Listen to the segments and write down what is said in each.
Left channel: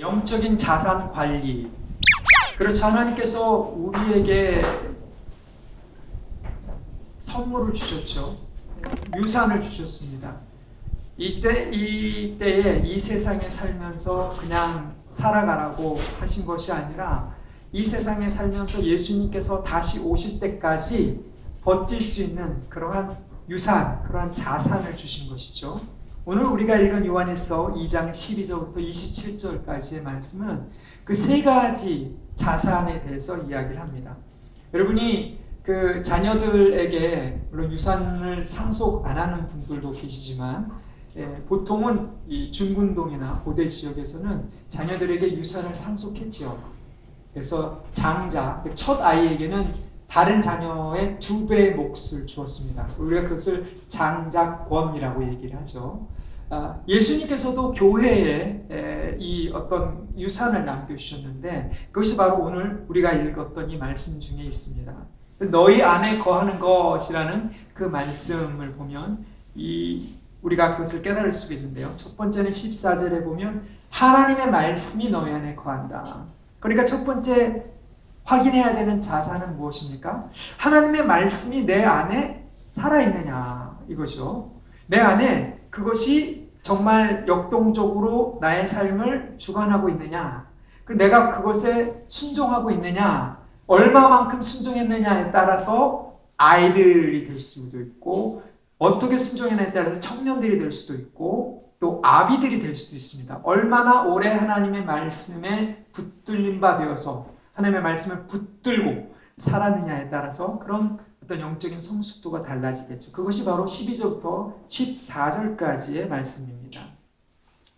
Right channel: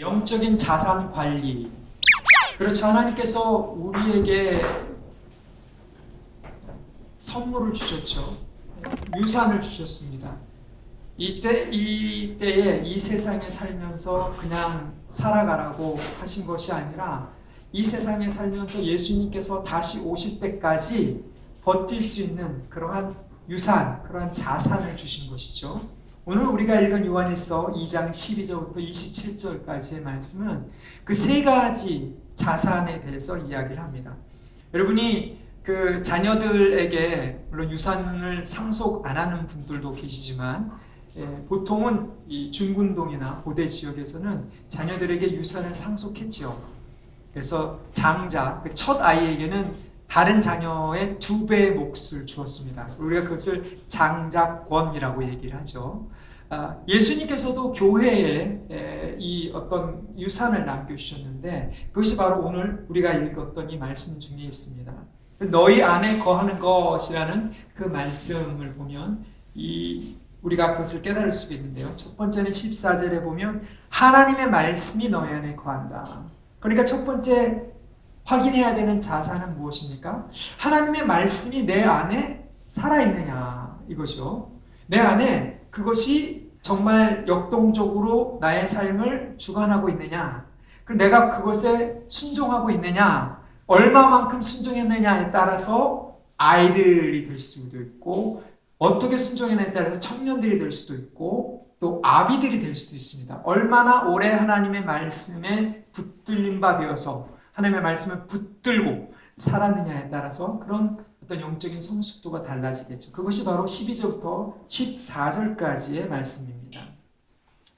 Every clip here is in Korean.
영적인 자산 관리. 그렇죠. 하나님께서 우리에게 선물을 주셨죠. 유산을 주셨습니다. 이때에 이 세상에 살면서 그냥 살아가라고 하신 것이 아니라 이 세상에 살면서 예수님께서 다시 오실 때까지 버틸 수 있는 그러한 유산, 그러한 자산을 주신 것이죠. 오늘 우리가 읽은 요한일서 2장 12절부터 27절까지의 말씀은 그 세 가지 자산에 대해서 이야기를 합니다. 여러분이 그 자녀들에게 물론 유산을 상속 안 하는 분들도 계시지만 보통은 이 중군동이나 고대 지역에서는 자녀들에게 유산을 상속했지요. 그래서 장자, 첫 아이에게는 다른 자녀의 2배의 몫을 주었습니다. 우리가 그것을 장자권이라고 얘기를 하죠. 예수님께서도 교회에 이 어떤 유산을 남겨주셨는데 그것이 바로 오늘 우리가 읽었던 이 말씀 중에 있습니다. 너희 안에 거하는 것이라는 그 말씀을 보면 우리가 그것을 깨달을 수가 있는데요. 첫 번째는 14절에 보면 하나님의 말씀이 너희 안에 거한다. 그러니까 첫 번째 확인해야 되는 자산은 무엇입니까? 하나님의 말씀이 내 안에 살아있느냐 이거죠. 내 안에 그것이 정말 역동적으로 나의 삶을 주관하고 있느냐, 내가 그것에 순종하고 있느냐, 얼마만큼 순종했느냐에 따라서 아이들이 될 수도 있고 어떻게 순종했느냐에 따라서 청년들이 될 수도 있고 또 아비들이 될 수도 있습니다. 얼마나 오래 하나님의 말씀에 붙들림 바 되어서 하나님의 말씀을 붙들고 살았느냐에 따라서 그런 어떤 영적인 성숙도가 달라지겠죠. 그것이 바로 12절부터 14절까지의 말씀입니다.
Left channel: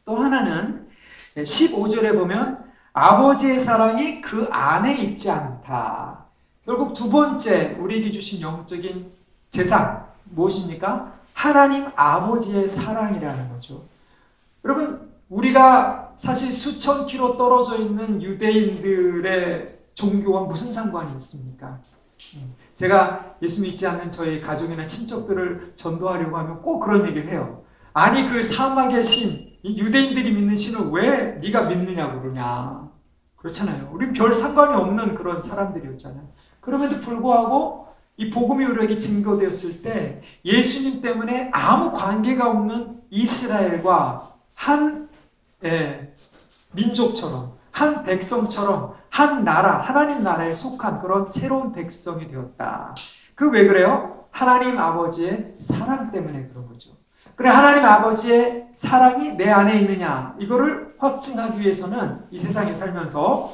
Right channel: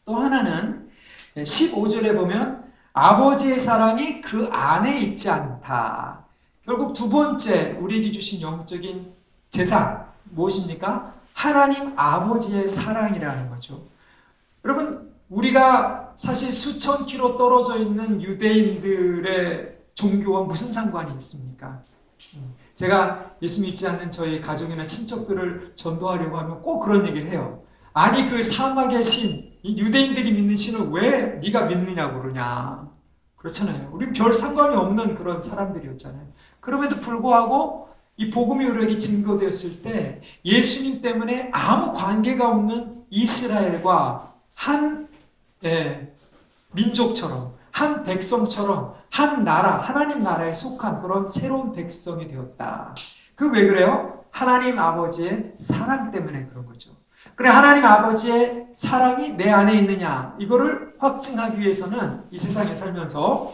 또 하나는 15절에 보면 아버지의 사랑이 그 안에 있지 않다. 결국 두 번째 우리에게 주신 영적인 재산 무엇입니까? 하나님 아버지의 사랑이라는 거죠. 여러분, 우리가 사실 수천 킬로 떨어져 있는 유대인들의 종교와 무슨 상관이 있습니까? 제가 예수 믿지 않는 저희 가족이나 친척들을 전도하려고 하면 꼭 그런 얘기를 해요. 아니 그 사막의 신, 이 유대인들이 믿는 신을 왜 네가 믿느냐고 그러냐. 그렇잖아요. 우린 별 상관이 없는 그런 사람들이었잖아요. 그럼에도 불구하고 이 복음이 우리에게 증거되었을 때 예수님 때문에 아무 관계가 없는 이스라엘과 한 민족처럼 한 백성처럼 한 나라, 하나님 나라에 속한 그런 새로운 백성이 되었다. 그 왜 그래요? 하나님 아버지의 사랑 때문에 그런 거죠. 그래, 하나님 아버지의 사랑이 내 안에 있느냐, 이거를 확증하기 위해서는 이 세상에 살면서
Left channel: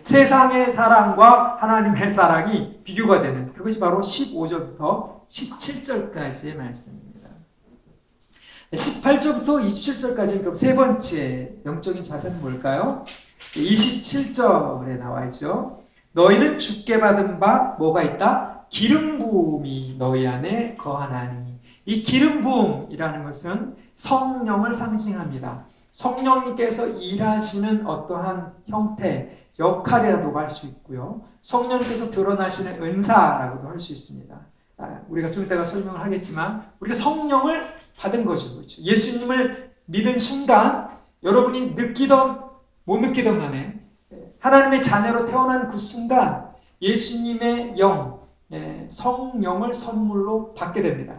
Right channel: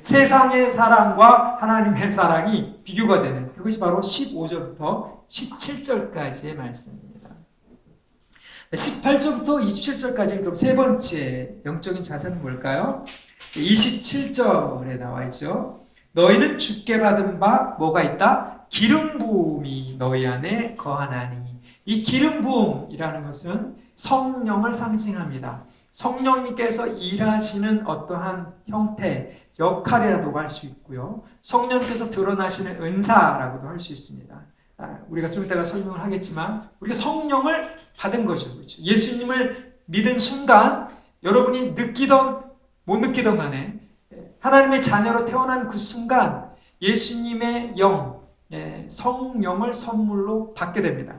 세상의 사랑과 하나님의 사랑이 비교가 되는 그것이 바로 15절부터 17절까지의 말씀입니다. 18절부터 27절까지는 그럼 세 번째 영적인 자산은 뭘까요? 27절에 나와 있죠. 너희는 주께 받은 바 뭐가 있다? 기름 부음이 너희 안에 거하나니. 이 기름 부음이라는 것은 성령을 상징합니다. 성령님께서 일하시는 어떠한 형태, 역할이라도 할 수 있고요. 성령님께서 드러나시는 은사라고도 할 수 있습니다. 우리가 좀 이따가 설명을 하겠지만 우리가 성령을 받은 거죠. 그렇죠? 예수님을 믿은 순간 여러분이 느끼던 못 느끼던 간에 하나님의 자녀로 태어난 그 순간 예수님의 영, 성령을 선물로 받게 됩니다.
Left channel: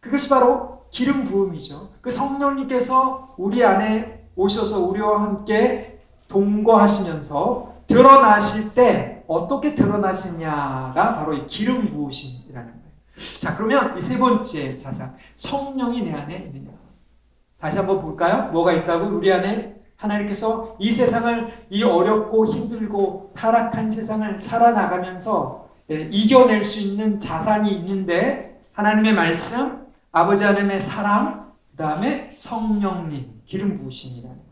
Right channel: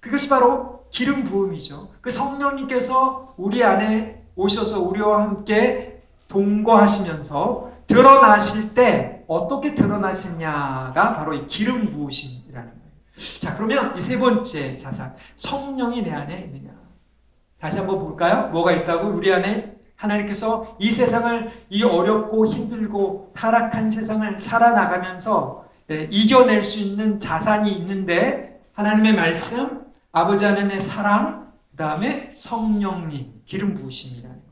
그것이 바로 기름 부음이죠. 그 성령님께서 우리 안에 오셔서 우리와 함께 동거하시면서 드러나실 때 어떻게 드러나시냐가 바로 이 기름 부으심이라는 거예요. 자, 그러면 이 세 번째 자산, 성령이 내 안에 있느냐. 다시 한번 볼까요? 뭐가 있다고? 우리 안에 하나님께서 이 세상을, 이 어렵고 힘들고 타락한 세상을 살아나가면서 이겨낼 수 있는 자산이 있는데 하나님의 말씀, 아버지 하나님의 사랑, 그 다음에 성령님, 기름 부으심이라는 거예요.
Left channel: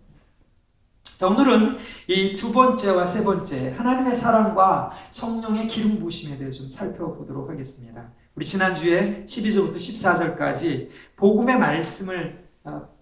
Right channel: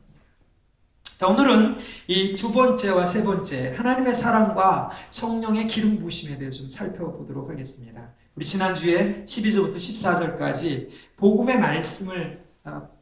자, 오늘은 이 두 번째와 세 번째 하나님의 사랑과 성령의 기름 부으심에 대해서 좀 살펴보도록 하겠습니다. 우리 지난주에 12절부터 14절까지 복음의 말씀을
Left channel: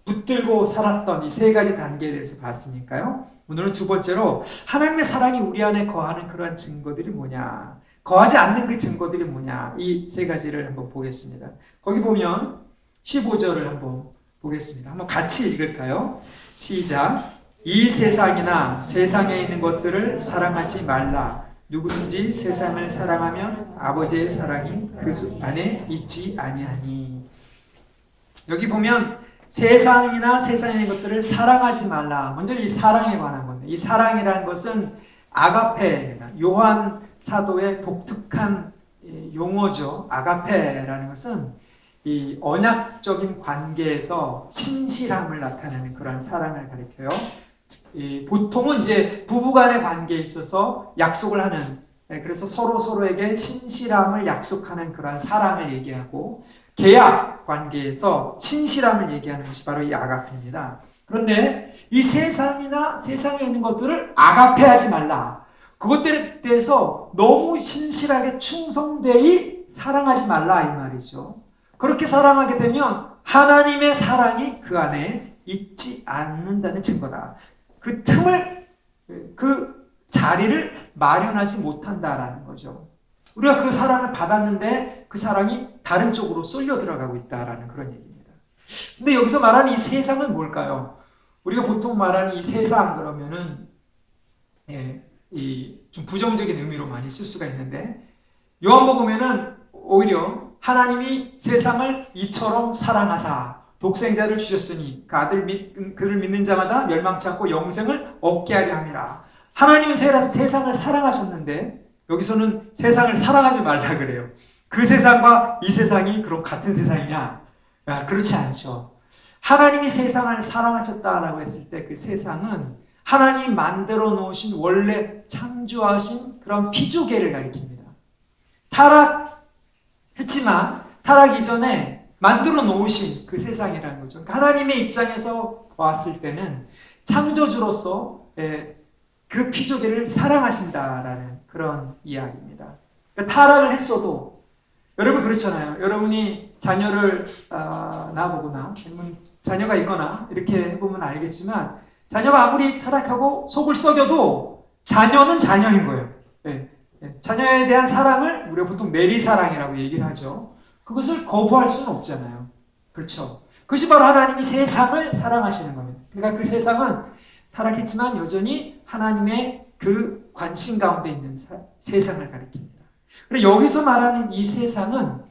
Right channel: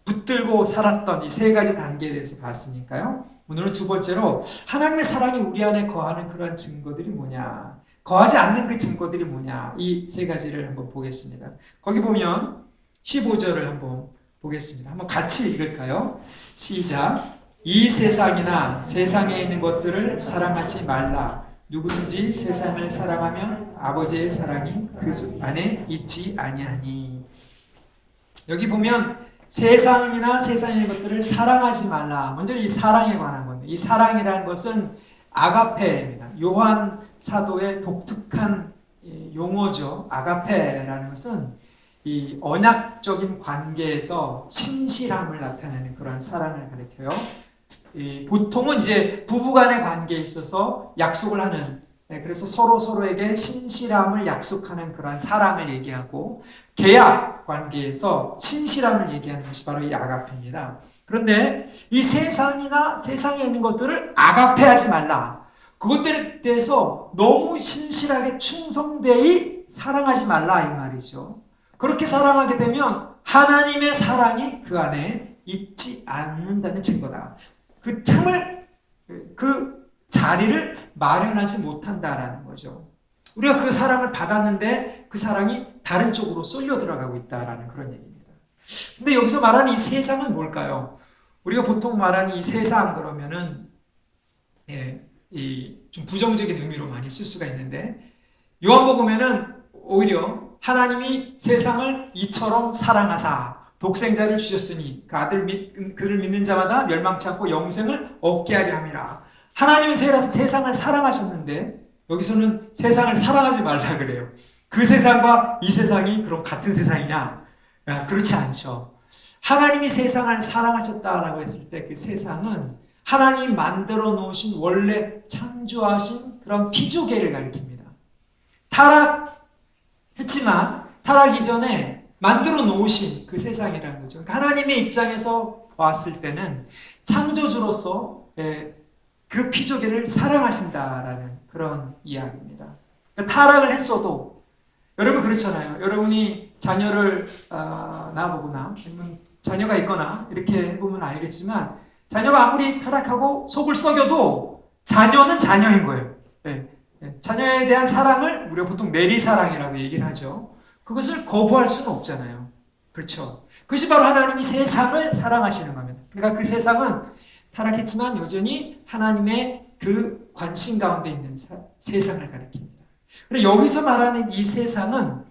붙들고 살았던 이 세 가지 단계에 대해서 봤으니까요. 오늘은 두 번째로 하나님의 사랑이 우리 안에 거하는 그러한 증거들이 뭐냐, 거하지 않는 그 증거들이 뭐냐, 이 세 가지를 한번 보겠습니다. 거기 보면 15절을 한번 보겠습니다. 한번 같이 읽을까요? 시작. 이 세상이나 세상에 있는 것들을 사랑하지 말라. 누구든지 세상을 사랑하면 아버지의 사랑이 그 안에 있지 아니하니. 여기 보면 세상이나 세상에 있는 것들을 사랑하지 말라. 먼저 이 사랑에 관한 겁니다. 이 사랑이라는 것은 아가페입니다. 요한 사도의 독특한 용어죠. 아가페라는 것은 이 언약적인 관계에서 신실함을 나타내는 그런 사랑을 가리켜요. 보통은 이제 부부간의 관계에 있어서 약속을 하는, 그래서 서로에게 신실함을 약속하는 그러한 사랑을 얘기하고, 계약 관계에서 신실함을 얘기하는 것이 바로 이 아가페입니다. 그런데 이 세상이나 세상에 있는 것들을 아가페하지 말라. 그것들에 대해서 너무 신실하게 충성되이 사랑하지 말라 이 말이죠. 그렇게 사랑하게 되면 하나님의 사랑이 그 안에 있지 않는다는 증거다. 그 틈을, 그 자리를 마련하지 못한다라는 거죠. 우리가 그 사랑을 받았는데 그 사랑이 다른 쪽으로 쏠려 들어가고 있다라는 그런 얘기입니다. 근데 여기서 말하는 이 세상은 뭘까요? 우리가 보통 말하는 이 세상 그러면은 좀 부정적인 의미로 많이 쓸 수가 있는데, 요한복음에는 오히려 하나님이 세상을 이처럼 사랑하사 독생자를 주셨으니 그 그를 믿는 자마다 멸망치 않고 영생을 얻게 하려 함이라. 하나님은 세상을 사랑하셨는데 여기서는 세상을 사랑하지 말라 그래요. 그 세상과 이 세상이 그럼 같은 세상이냐? 그렇지 않죠. 하나님이 세상을 사랑하셨다라고 했을 때 그 세상은 하나님이 만들어 놓으신 원래 창조하신 그런 피조계를 가리킵니다. 타락했지만 타락 이전에 만들어 놓으신 그 세상이라는 거죠. 그러니까 하나님의 입장에서 왔을 때는 창조주로서 그 피조계를 사랑하신다라는 그런 이야기입니다. 그러니까 타락을 했어도, 여러분 그렇잖아요. 여러분이 자녀를 낳아보거나 아니면 자녀가 있거나 이렇게 해보면 알겠지만, 자녀가 아무리 타락하고 속을 썩여도 자녀는 자녀인 거예요. 자녀에 대한 사랑을 우리가 보통 내리사랑이라고 얘기를 하죠. 그것을 거부할 수는 없잖아요. 그렇죠? 그것이 바로 하나님이 세상을 사랑하시는 겁니다. 그러니까 그 세상은 타락했지만 여전히 하나님의 그 관심 가운데 있는 세상을 가리킵니다. 그리고 여기서 말하는 이 세상은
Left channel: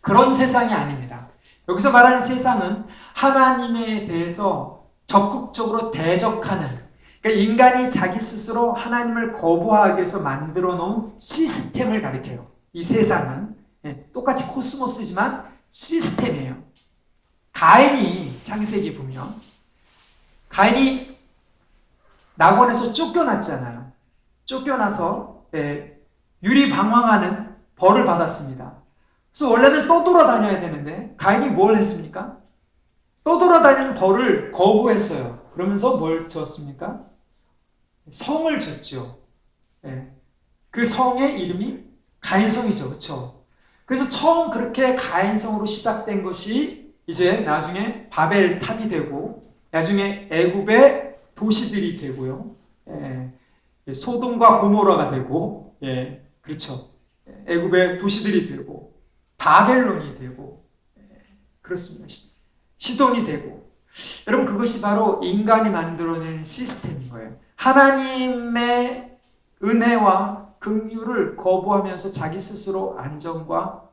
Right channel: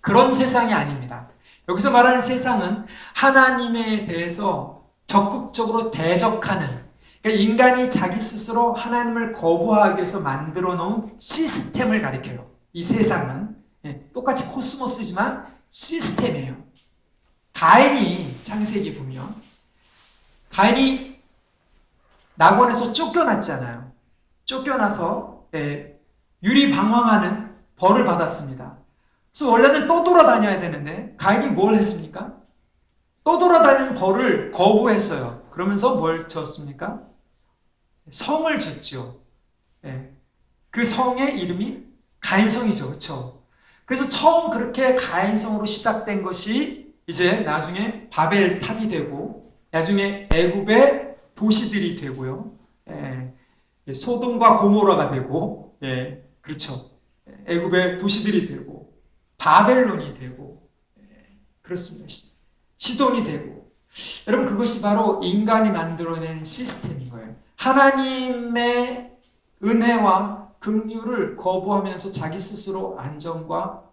그런 세상이 아닙니다. 여기서 말하는 세상은 하나님에 대해서 적극적으로 대적하는, 그러니까 인간이 자기 스스로 하나님을 거부하기 위해서 만들어 놓은 시스템을 가리켜요. 이 세상은 똑같이 코스모스지만 시스템이에요. 가인이 창세기 보면 가인이 낙원에서 쫓겨났잖아요. 쫓겨나서 유리방황하는 벌을 받았습니다. 그래서 원래는 떠돌아다녀야 되는데 가인이 뭘 했습니까? 떠돌아다니는 벌을 거부했어요. 그러면서 뭘 지었습니까? 성을 지었죠. 그 성의 이름이 가인성이죠. 그렇죠? 그래서 처음 그렇게 가인성으로 시작된 것이 이제 나중에 바벨탑이 되고, 나중에 애굽의 도시들이 되고요. 소돔과 고모라가 되고, 그렇죠. 애굽의 도시들이 되고, 바벨론이 되고, 그렇습니다. 시돈이 되고. 여러분, 그것이 바로 인간이 만들어낸 시스템인 거예요. 하나님의 은혜와 긍휼을 거부하면서 자기 스스로 안정과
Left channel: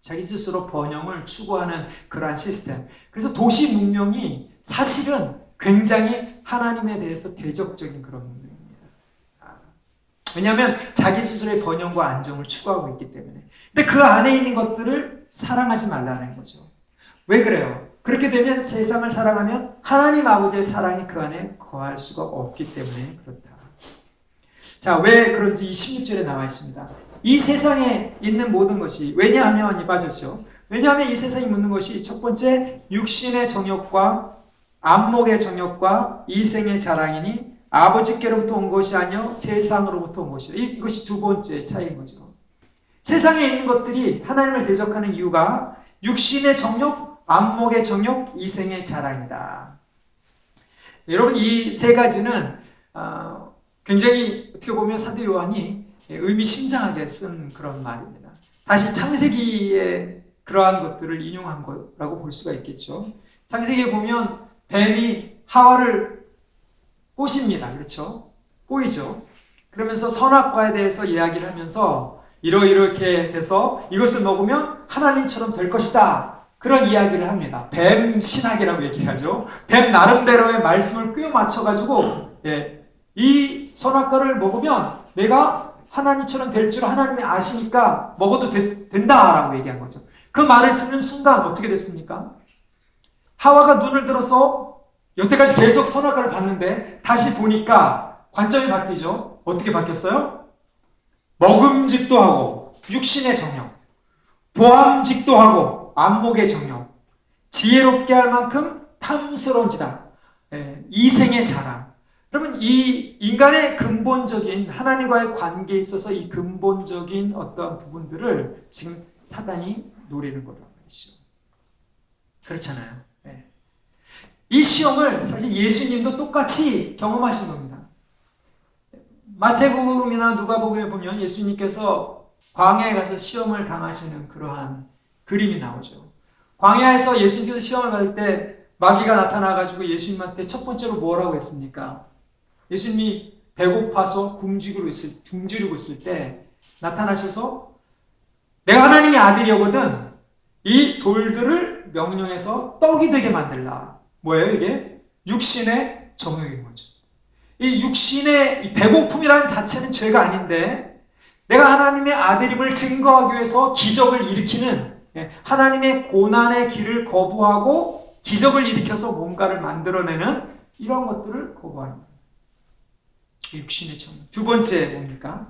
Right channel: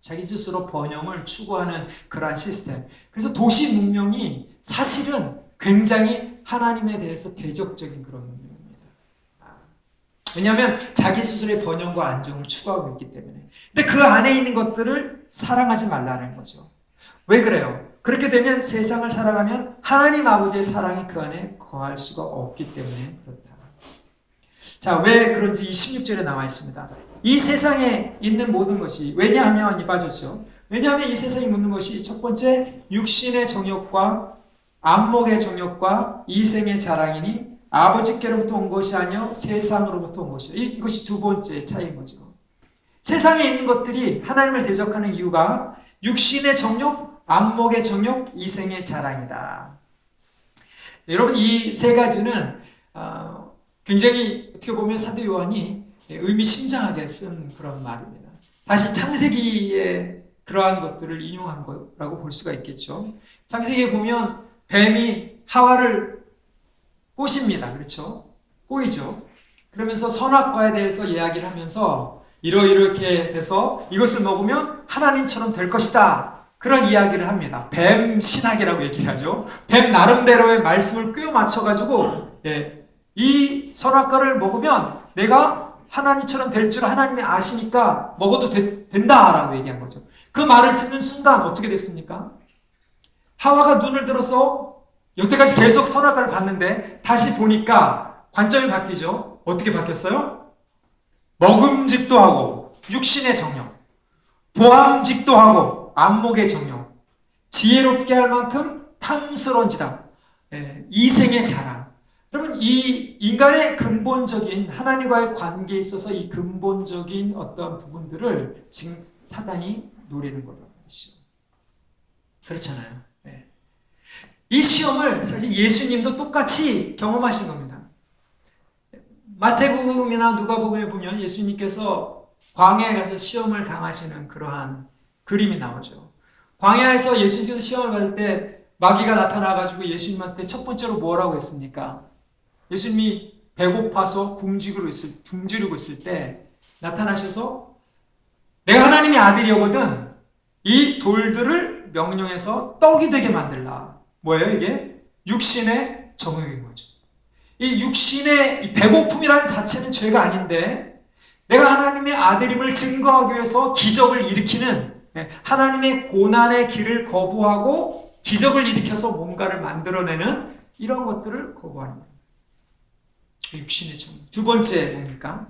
자기 스스로 번영을 추구하는 그러한 시스템. 그래서 도시 문명이 사실은 굉장히 하나님에 대해서 대적적인 그런 문명입니다. 왜냐하면 자기 스스로의 번영과 안정을 추구하고 있기 때문에. 근데 그 안에 있는 것들을 사랑하지 말라는 거죠. 왜 그래요? 그렇게 되면 세상을 사랑하면 하나님 아버지의 사랑이 그 안에 거할 수가 없기 때문에 그렇다. 자, 왜 그런지 16절에 나와 있습니다. 이 세상에 있는 모든 것이, 왜냐하면 이 빠졌죠. 왜냐하면 이 세상에 있는 것이 첫 번째 육신의 정욕과 안목의 정욕과 이생의 자랑이니 아버지께로부터 온 것이 아니요 세상으로부터 온 것이다. 이것이 두 번째 차이인 거죠. 세상에 있는 것들이 하나님을 대적하는 이유가 육신의 정욕, 안목의 정욕, 이생의 자랑이다. 여러분, 이 세 가지는 굉장히 어떻게 보면 사도 요한이 의미심장하게 쓴 그런 말입니다. 다시 창세기의 그러한 것들을 인용한 거라고 볼 수가 있겠죠. 창세기에 보면 뱀이 하와를 꽃입니다. 그렇죠? 꽃이죠. 그러면서 선악과에 대해서 이야기를 하면서 이렇게 돼서 이것을 먹으면 하나님처럼 될 것이다. 그런 이야기를 합니다. 뱀 신학이라고 얘기하죠. 뱀 나름대로의 말씀을 꿰어 맞춰가지고 이 선악과를 먹으면 내가 하나님처럼 될 줄 하나님이 아시니까 먹어도 된다라고 얘기한 거죠. 그 말을 듣는 순간 어떻게 됐습니까? 하와가 눈을 들어서 여태까지 계속 선악과를 봤는데 다시 보니까 관점이 바뀌죠. 어떻게 바뀌었어요? 먹음직도 하고 육신의 정욕, 보암직도 하고 안목의 정욕, 지혜롭게 할 만큼 탐스러운지다. 이생의 자랑. 그러면 이 인간의 근본적인 하나님과의 관계에 있어서 이 근본적인 어떤 부분들을 지금 사단이 노리는 거란 말이죠. 그렇잖아요. 이 시험을 사실 예수님도 똑같이 경험하신 겁니다. 마태복음이나 누가복음에 보면 예수님께서 광야에 가서 시험을 당하시는 그러한 그림이 나오죠. 광야에서 예수님께서 시험을 받을 때 마귀가 나타나가지고 예수님한테 첫 번째로 뭐라고 했습니까? 예수님이 배고파서 굶주리고 있을 때 나타나셔서 내가 하나님의 아들이거든 이 돌들을 명령해서 떡이 되게 만들라. 뭐예요 이게? 육신의 정욕인 거죠. 이 육신의 이 배고픔이라는 자체는 죄가 아닌데 내가 하나님의 아들임을 증거하기 위해서 기적을 일으키는 하나님의 고난의 길을 거부하고 기적을 일으켜서 뭔가를 만들어내는 이런 것들을 거부하는 거예요. 육신의 정욕. 두 번째 뭡니까?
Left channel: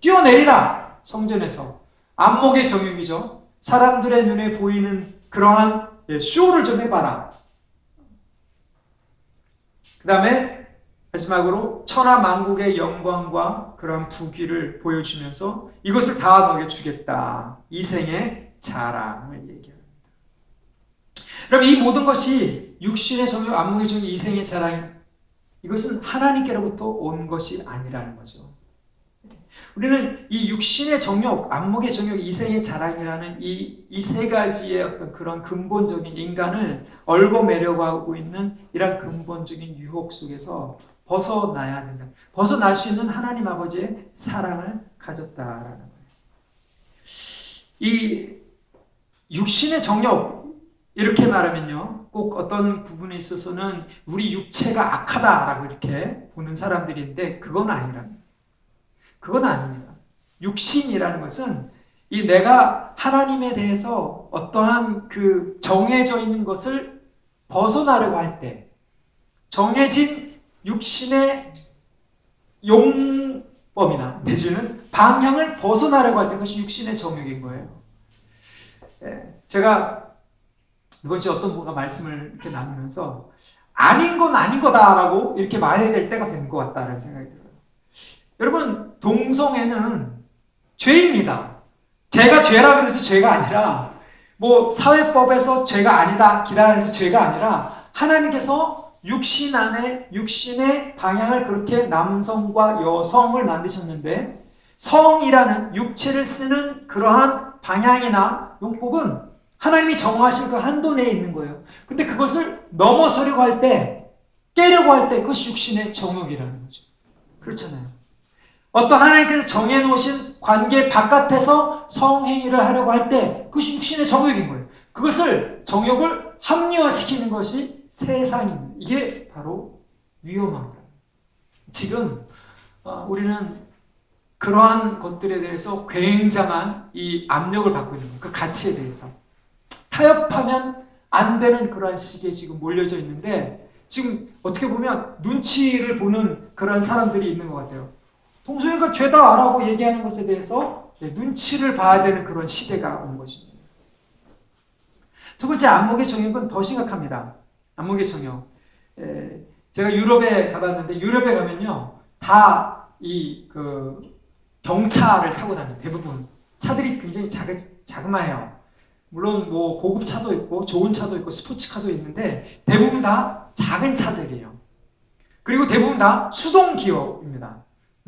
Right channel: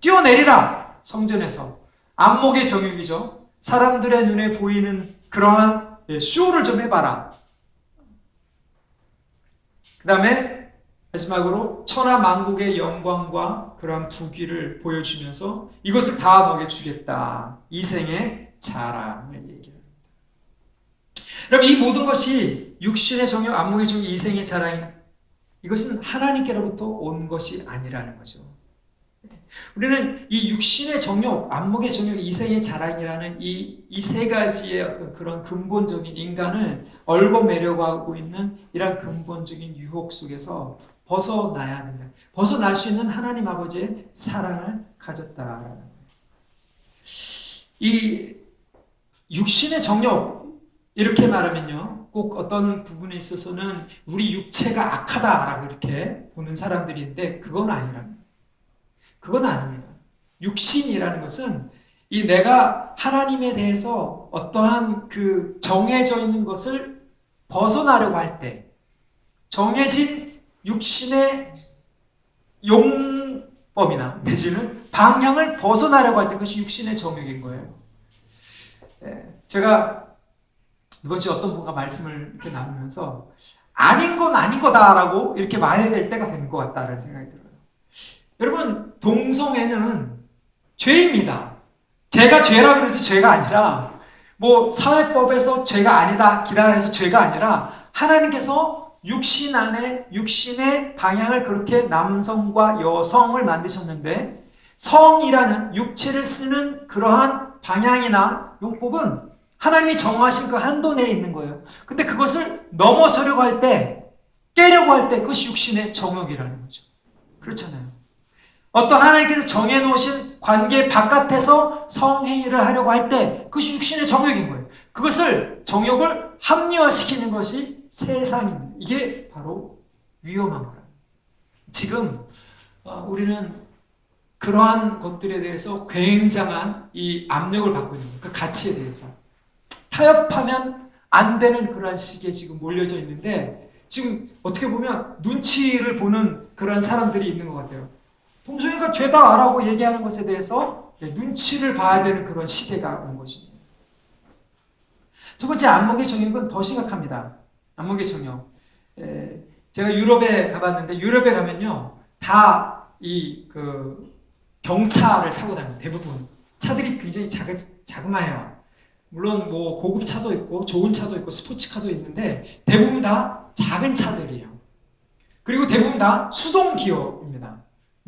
뛰어내리라. 성전에서 안목의 정욕이죠. 사람들의 눈에 보이는 그러한 쇼를 좀 해봐라. 그 다음에 마지막으로 천하 만국의 영광과 그런 부귀를 보여주면서 이것을 다 너에게 주겠다. 이생의 자랑을 얘기합니다. 그럼 이 모든 것이 육신의 정욕, 안목의 정욕, 이생의 자랑 이것은 하나님께로부터 온 것이 아니라는 거죠. 우리는 이 육신의 정욕, 안목의 정욕, 이생의 자랑이라는 이 세 가지의 어떤 그런 근본적인 인간을 얽어매려고 하고 있는 이런 근본적인 유혹 속에서 벗어나야 된다. 벗어날 수 있는 하나님 아버지의 사랑을 가졌다라는 거예요. 이 육신의 정욕 이렇게 말하면요, 꼭 어떤 부분에 있어서는 우리 육체가 악하다라고 이렇게 보는 사람들인데 그건 아니랍니다. 그건 아닙니다. 육신이라는 것은 이 내가 하나님에 대해서 어떠한 그 정해져 있는 것을 벗어나려고 할 때 정해진 육신의 용법이나 내지는 방향을 벗어나려고 할 때 그것이 육신의 정욕인 거예요. 제가 이번 주에 어떤 분과 말씀을 이렇게 나누면서 아닌 건 아닌 거다라고 이렇게 말해야 될 때가 된 것 같다라는 생각이 들어요. 여러분, 동성애는 죄입니다. 죄가 죄라 그러지 죄가 아니라 뭐 사회법에서 죄가 아니다 기라해서 죄가 아니라 하나님께서 육신 안에 육신의 방향을 그렇게 남성과 여성을 만드셨는데 성이라는 육체를 쓰는 그러한 방향이나 용법은 하나님이 정하신 그 한도 내에 있는 거예요. 근데 그것을 넘어서려고 할 때, 깨려고 할 때 그것이 육신의 정욕이라는 거죠. 그렇잖아요. 어떤 하나님께서 정해놓으신 관계 바깥에서 성행위를 하려고 할 때 그것이 육신의 정욕인 거예요. 그것을 정욕을 합리화시키는 것이 세상입니다. 이게 바로 위험한 거예요. 지금 우리는 그러한 것들에 대해서 굉장한 이 압력을 받고 있는 거예요. 그 가치에 대해서. 타협하면 안 되는 그러한 시기에 지금 몰려져 있는데 지금 어떻게 보면 눈치를 보는 그런 사람들이 있는 것 같아요. 동성애가 죄다라고 얘기하는 것에 대해서 눈치를 봐야 되는 그런 시대가 온 것입니다. 두 번째, 안목의 정욕은 더 심각합니다. 안목의 정욕. 제가 유럽에 가봤는데 유럽에 가면요 다 이 경차를 타고 다닙니다. 대부분 차들이 굉장히 자그마해요. 물론 뭐 고급 차도 있고 좋은 차도 있고 스포츠카도 있는데 대부분 다 작은 차들이에요. 그리고 대부분 다 수동 기어입니다.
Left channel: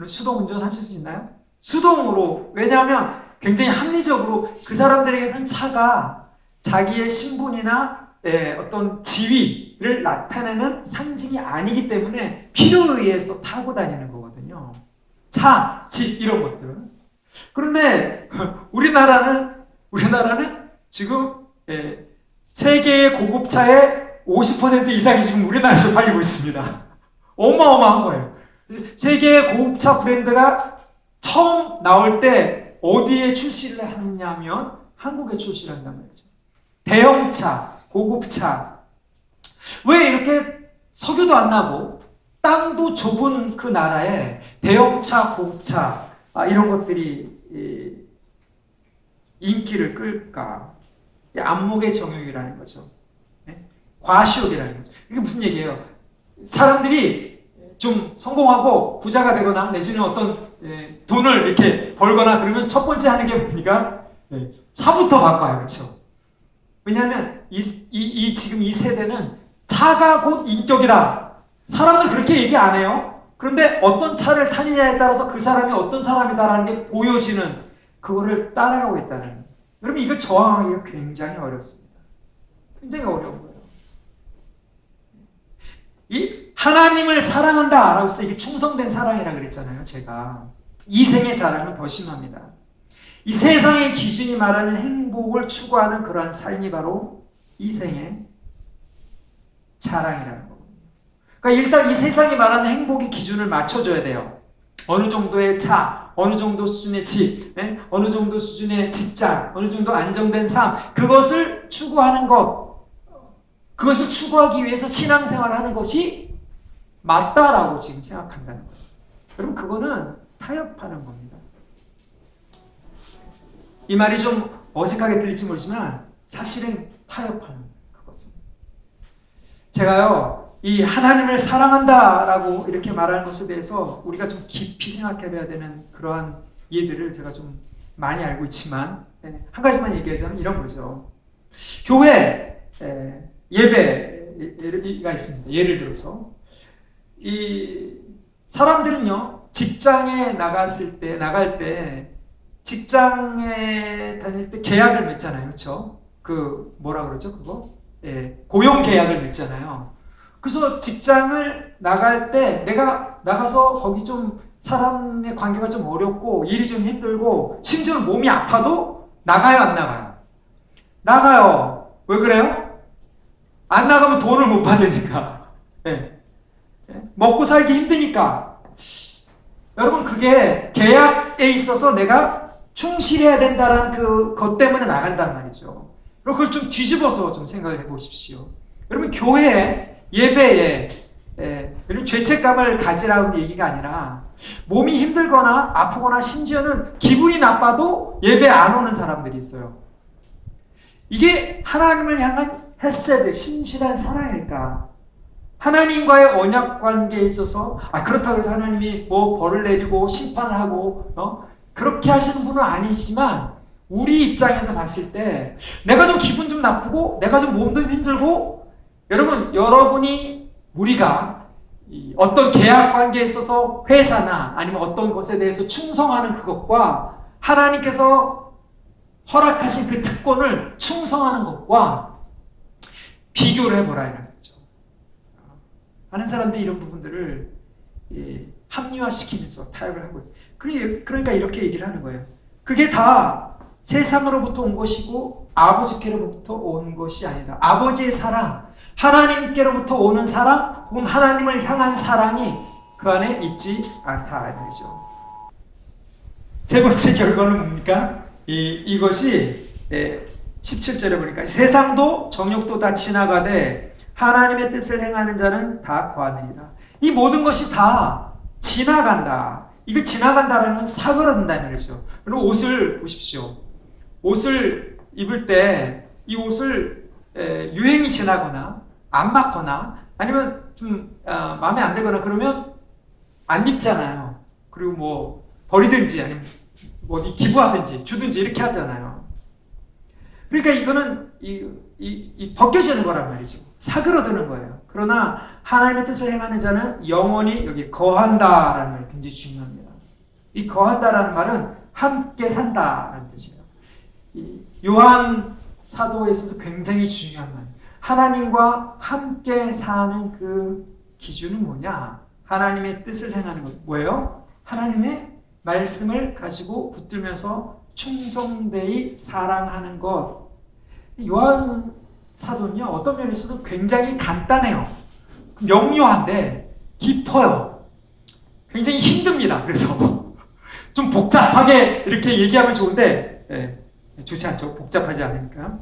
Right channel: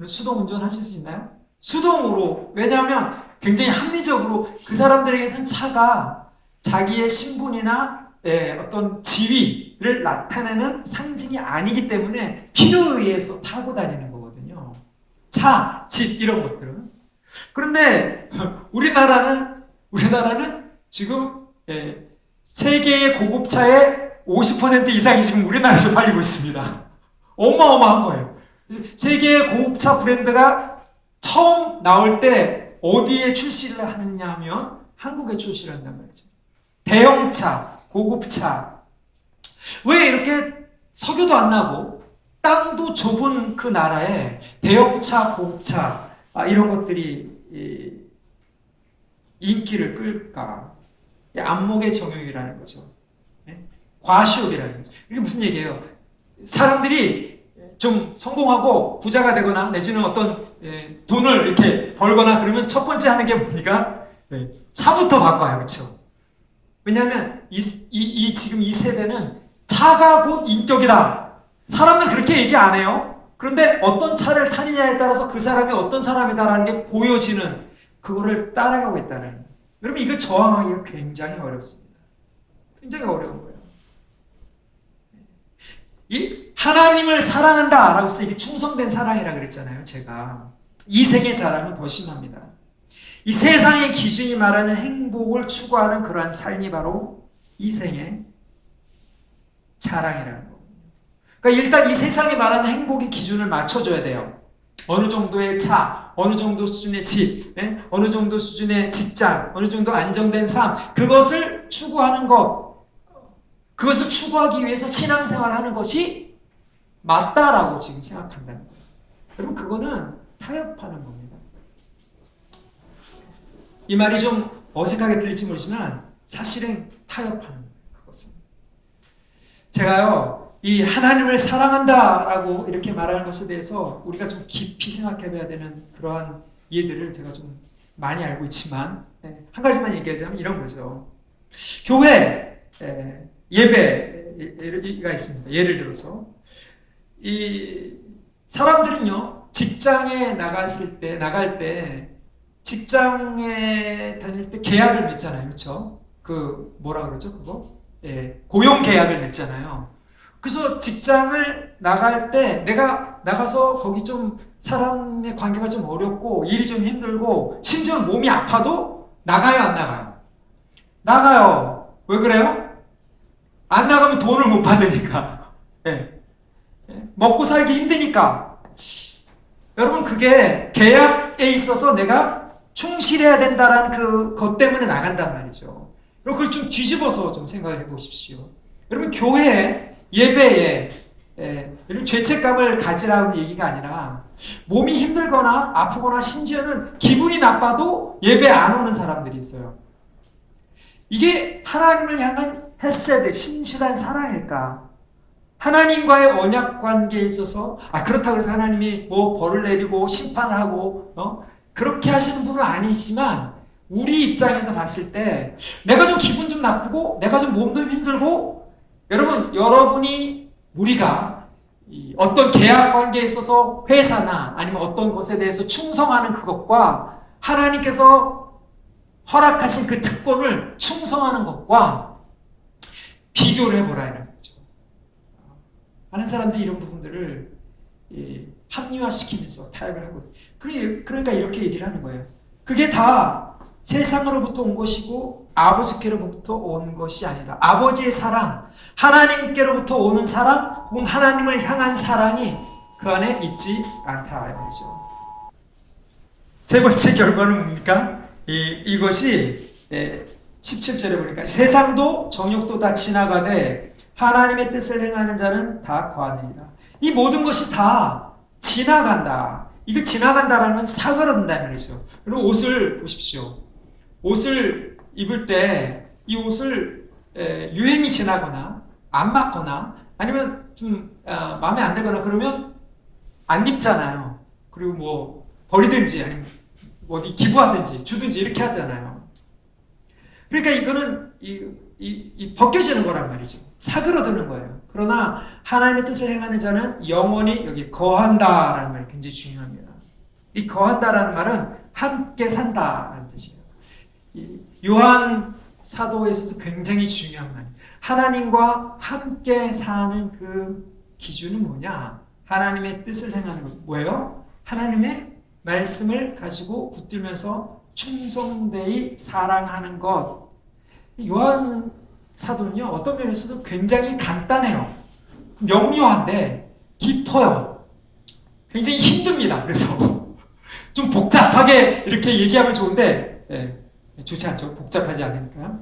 수동 운전하실 수 있나요? 수동으로. 왜냐하면 굉장히 합리적으로 그 사람들에게서는 차가 자기의 신분이나 어떤 지위를 나타내는 상징이 아니기 때문에 필요에 의해서 타고 다니는 거거든요. 차, 집 이런 것들은. 그런데 우리나라는 지금 세계의 고급차의 50% 이상이 지금 우리나라에서 팔리고 있습니다. 어마어마한 거예요. 세계의 고급차 브랜드가 처음 나올 때 어디에 출시를 하느냐 하면 한국에 출시를 한단 말이죠. 대형차, 고급차. 왜 이렇게 석유도 안 나고 땅도 좁은 그 나라에 대형차, 고급차 이런 것들이 인기를 끌까? 안목의 정욕이라는 거죠. 과시욕이라는 거죠. 이게 무슨 얘기예요? 사람들이 좀 성공하고 부자가 되거나 내지는 어떤 돈을 이렇게 벌거나 그러면 첫 번째 하는 게 뭡니까? 차부터 바꿔요. 그렇죠? 왜냐하면 지금 이 세대는 차가 곧 인격이다. 사람은 그렇게 얘기 안 해요. 그런데 어떤 차를 타느냐에 따라서 그 사람이 어떤 사람이다라는 게 보여지는 그거를 따라가고 있다는 거예요. 여러분 이거 저항하기가 굉장히 어렵습니다. 굉장히 어려운 거예요. 이 하나님을 사랑한다라고 해서 이게 충성된 사랑이라 그랬잖아요. 제가 이생의 자랑은 더 심합니다. 이 세상의 기준이 말하는 행복을 추구하는 그러한 삶이 바로 이생의 자랑이라는 거거든요. 그러니까 일단 이 세상이 말하는 행복의 기준을 맞춰줘야 돼요. 어느 정도의 차, 어느 정도 수준의 집, 어느 정도 수준의 직장, 어느 정도 안정된 삶, 그것을 추구하는 것, 그것을 추구하기 위해서 신앙생활을 하는 것이 맞다라고 지금 생각한다는 거예요. 여러분 그거는 타협하는 겁니다. 이 말이 좀 어색하게 들릴지 모르지만 사실은 타협하는 거예요. 그것은. 제가요. 이 하나님을 사랑한다라고 이렇게 말하는 것에 대해서 우리가 좀 깊이 생각해 봐야 되는 그러한 이해들을 제가 좀 많이 알고 있지만 한 가지만 얘기하자면 이런 거죠. 교회 예배가 있습니다. 예를 들어서 이 사람들은요 직장에 나갈 때 직장에 다닐 때 계약을 맺잖아요, 그렇죠? 그 뭐라 그러죠, 그거? 고용 계약을 맺잖아요. 그래서 직장을 나갈 때 내가 나가서 거기 좀 사람의 관계가 좀 어렵고 일이 좀 힘들고 심지어 몸이 아파도 나가요, 안 나가요? 나가요. 왜 그래요? 안 나가면 돈을 못 받으니까. 먹고 살기 힘드니까. 여러분 그게 계약에 있어서 내가 충실해야 된다라는 그것 때문에 나간단 말이죠. 그리고 그걸 좀 뒤집어서 좀 생각을 해보십시오. 여러분 교회에 예배에 이런 죄책감을 가지라는 얘기가 아니라 몸이 힘들거나 아프거나 심지어는 기분이 나빠도 예배 안 오는 사람들이 있어요. 이게 하나님을 향한 헤세드, 신실한 사랑일까? 하나님과의 언약 관계에 있어서 그렇다고 해서 하나님이 뭐 벌을 내리고 심판을 하고 그렇게 하시는 분은 아니지만 우리 입장에서 봤을 때 내가 좀 기분 좀 나쁘고 내가 좀 몸도 힘들고 여러분이 우리가 어떤 계약 관계에 있어서 회사나 아니면 어떤 것에 대해서 충성하는 그것과 하나님께서 허락하신 그 특권을 충성하는 것과 비교를 해보라는 거죠. 많은 사람들이 이런 부분들을 합리화시키면서 타협을 하고 그러니까 이렇게 얘기를 하는 거예요. 그게 다 세상으로부터 온 것이고 아버지께로부터 온 것이 아니다. 아버지의 사랑, 하나님께로부터 오는 사랑 혹은 하나님을 향한 사랑이 그 안에 있지 않다 이 말이죠. 세 번째 결과는 뭡니까? 이것이 17절에 보니까 세상도 정욕도 다 지나가되 하나님의 뜻을 행하는 자는 다 거하느니라. 이 모든 것이 다 지나간다. 이거 지나간다라는 건 사그러든다는 거죠. 그리고 옷을 보십시오. 옷을 입을 때 이 옷을 유행이 지나거나 안 맞거나 아니면 좀 마음에 안 들거나 그러면 안 입잖아요. 그리고 뭐 버리든지 아니면 뭐 기부하든지 주든지 이렇게 하잖아요. 그러니까 이거는 벗겨지는 거란 말이죠. 사그러드는 거예요. 그러나 하나님의 뜻을 행하는 자는 영원히 여기 거한다라는 말이 굉장히 중요합니다. 이 거한다라는 말은 함께 산다라는 뜻이에요. 요한 사도에 있어서 굉장히 중요한 말이에요. 하나님과 함께 사는 그 기준은 뭐냐? 하나님의 뜻을 행하는 것. 뭐예요? 하나님의 말씀을 가지고 붙들면서 충성되이 사랑하는 것. 요한 사도는요, 어떤 면에서도 굉장히 간단해요. 명료한데 깊어요. 굉장히 힘듭니다. 그래서 좀 복잡하게 이렇게 얘기하면 좋은데, 좋지 않죠? 복잡하지 않으니까.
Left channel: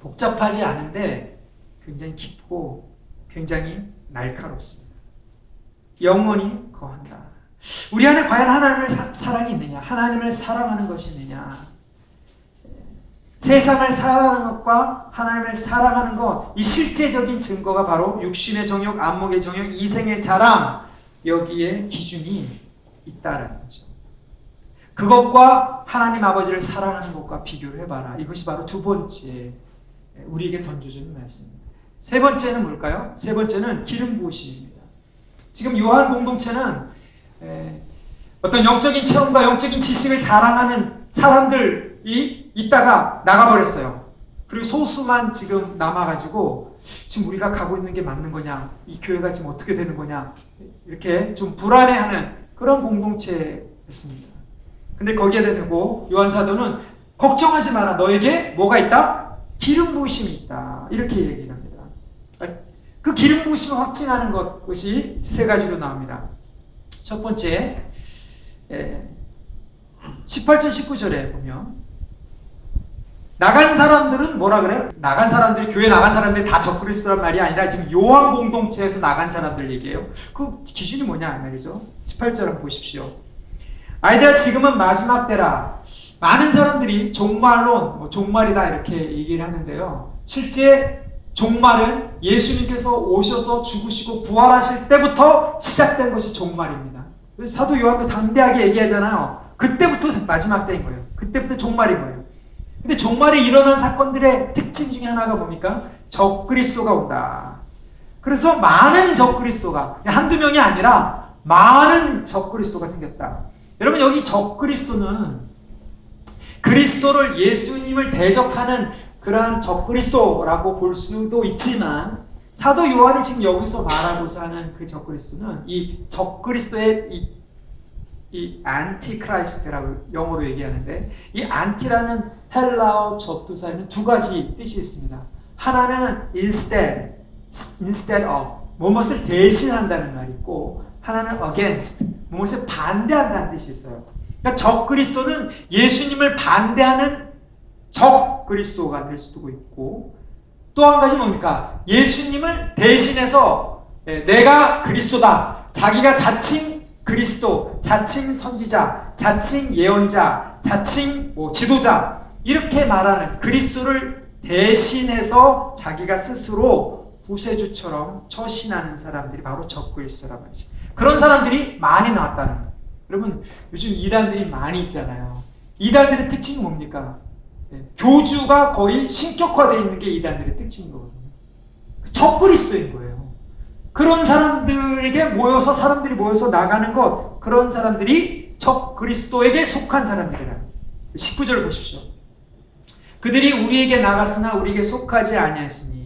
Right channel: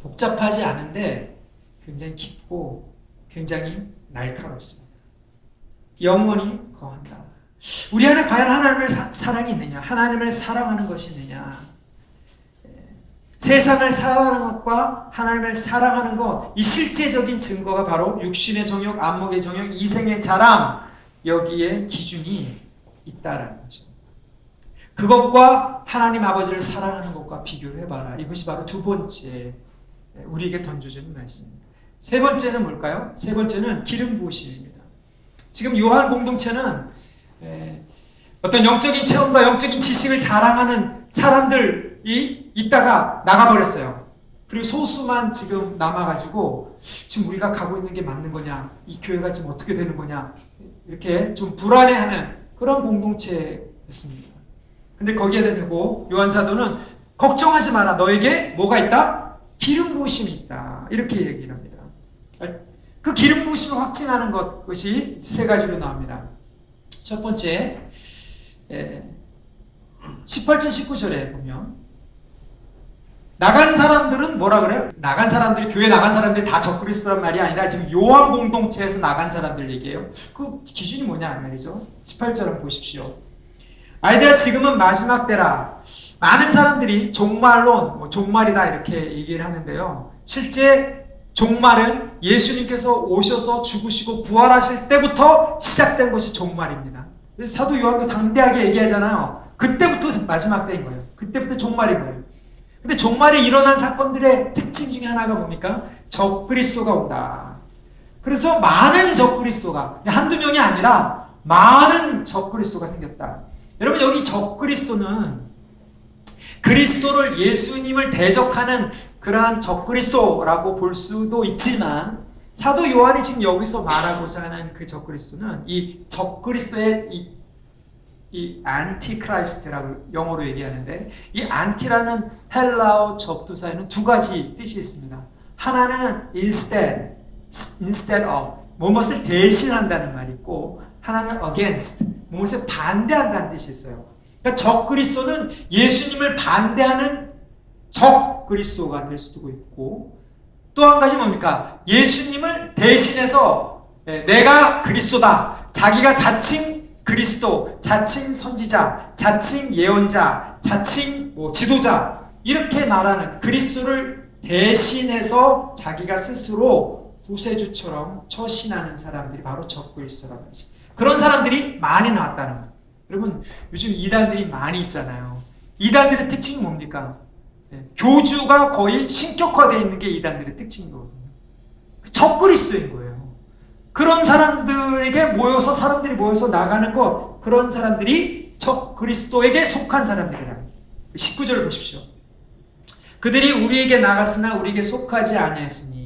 복잡하지 않은데 굉장히 깊고 굉장히 날카롭습니다. 영원히 거한다. 우리 안에 과연 하나님의 사랑이 있느냐? 하나님을 사랑하는 것이 있느냐? 세상을 사랑하는 것과 하나님을 사랑하는 것, 이 실제적인 증거가 바로 육신의 정욕, 안목의 정욕, 이생의 자랑, 여기에 기준이 있다라는 거죠. 그것과 하나님 아버지를 사랑하는 것과 비교를 해봐라. 이것이 바로 두 번째 우리에게 던져주는 말씀입니다. 세 번째는 뭘까요? 세 번째는 기름 부으심입니다. 지금 요한 공동체는 어떤 영적인 체험과 영적인 지식을 자랑하는 사람들이 있다가 나가버렸어요. 그리고 소수만 지금 남아가지고 지금 우리가 가고 있는 게 맞는 거냐, 이 교회가 지금 어떻게 되는 거냐, 이렇게 좀 불안해하는 그런 공동체였습니다. 근데 거기에 대고 요한 사도는 걱정하지 마라. 너에게 뭐가 있다? 기름 부으심이 있다. 이렇게 얘기를 합니다. 그 기름 부으심을 확증하는 것이 세 가지로 나옵니다. 첫 번째, 18절 19절에 보면 나간 사람들은 뭐라 그래요? 나간 사람들이, 교회 나간 사람들이 다 적그리스도란 말이 아니라 지금 요한 공동체에서 나간 사람들 얘기예요. 그 기준이 뭐냐 말이죠. 18절 한번 보십시오. 아이들아, 지금은 마지막 때라. 많은 사람들이 종말론, 종말이다 이렇게 얘기를 하는데요. 실제 종말은 예수님께서 오셔서 죽으시고 부활하실 때부터 시작된 것이 종말입니다. 그래서 사도 요한도 담대하게 얘기하잖아요. 그때부터 마지막 때인 거예요. 그때부터 종말인 거예요. 근데 종말에 일어난 사건들의 특징 중에 하나가 뭡니까? 적그리스도가 온다. 그래서 많은 적그리스도가, 한두 명이 아니라 많은 적그리스도가 생겼다. 여러분, 여기 적그리스도는 그리스도를, 예수님을 대적하는 그러한 적그리스도라고 볼 수도 있지만, 사도 요한이 지금 여기서 말하고자 하는 그 적그리스도는 이 적그리스도의 이 안티크라이스트라고 영어로 얘기하는데, 이 안티라는 헬라어 접두사에는 두 가지 뜻이 있습니다. 하나는 instead of, 무엇을 대신한다는 말이 있고, 하나는 against, 무엇을 반대한다는 뜻이 있어요. 그러니까 적그리스도는 예수님을 반대하는 적그리스도가 될 수도 있고, 또 한 가지 뭡니까? 예수님을 대신해서 내가 그리스도다. 자기가 자칭 그리스도, 자칭 선지자, 자칭 예언자, 자칭 지도자, 이렇게 말하는, 그리스도를 대신해서 자기가 스스로 구세주처럼 처신하는 사람들이 바로 적그리스도란 말이죠. 그런 사람들이 많이 나왔다는 거예요. 여러분, 요즘 이단들이 많이 있잖아요. 이단들의 특징이 뭡니까? 교주가 거의 신격화되어 있는 게 이단들의 특징인 거거든요. 적그리스도인 거예요. 그런 사람들에게 사람들이 모여서 나가는 것, 그런 사람들이 적그리스도에게 속한 사람들이라는 거예요. 19절을 보십시오. 그들이 우리에게 나갔으나 우리에게 속하지 아니하였으니,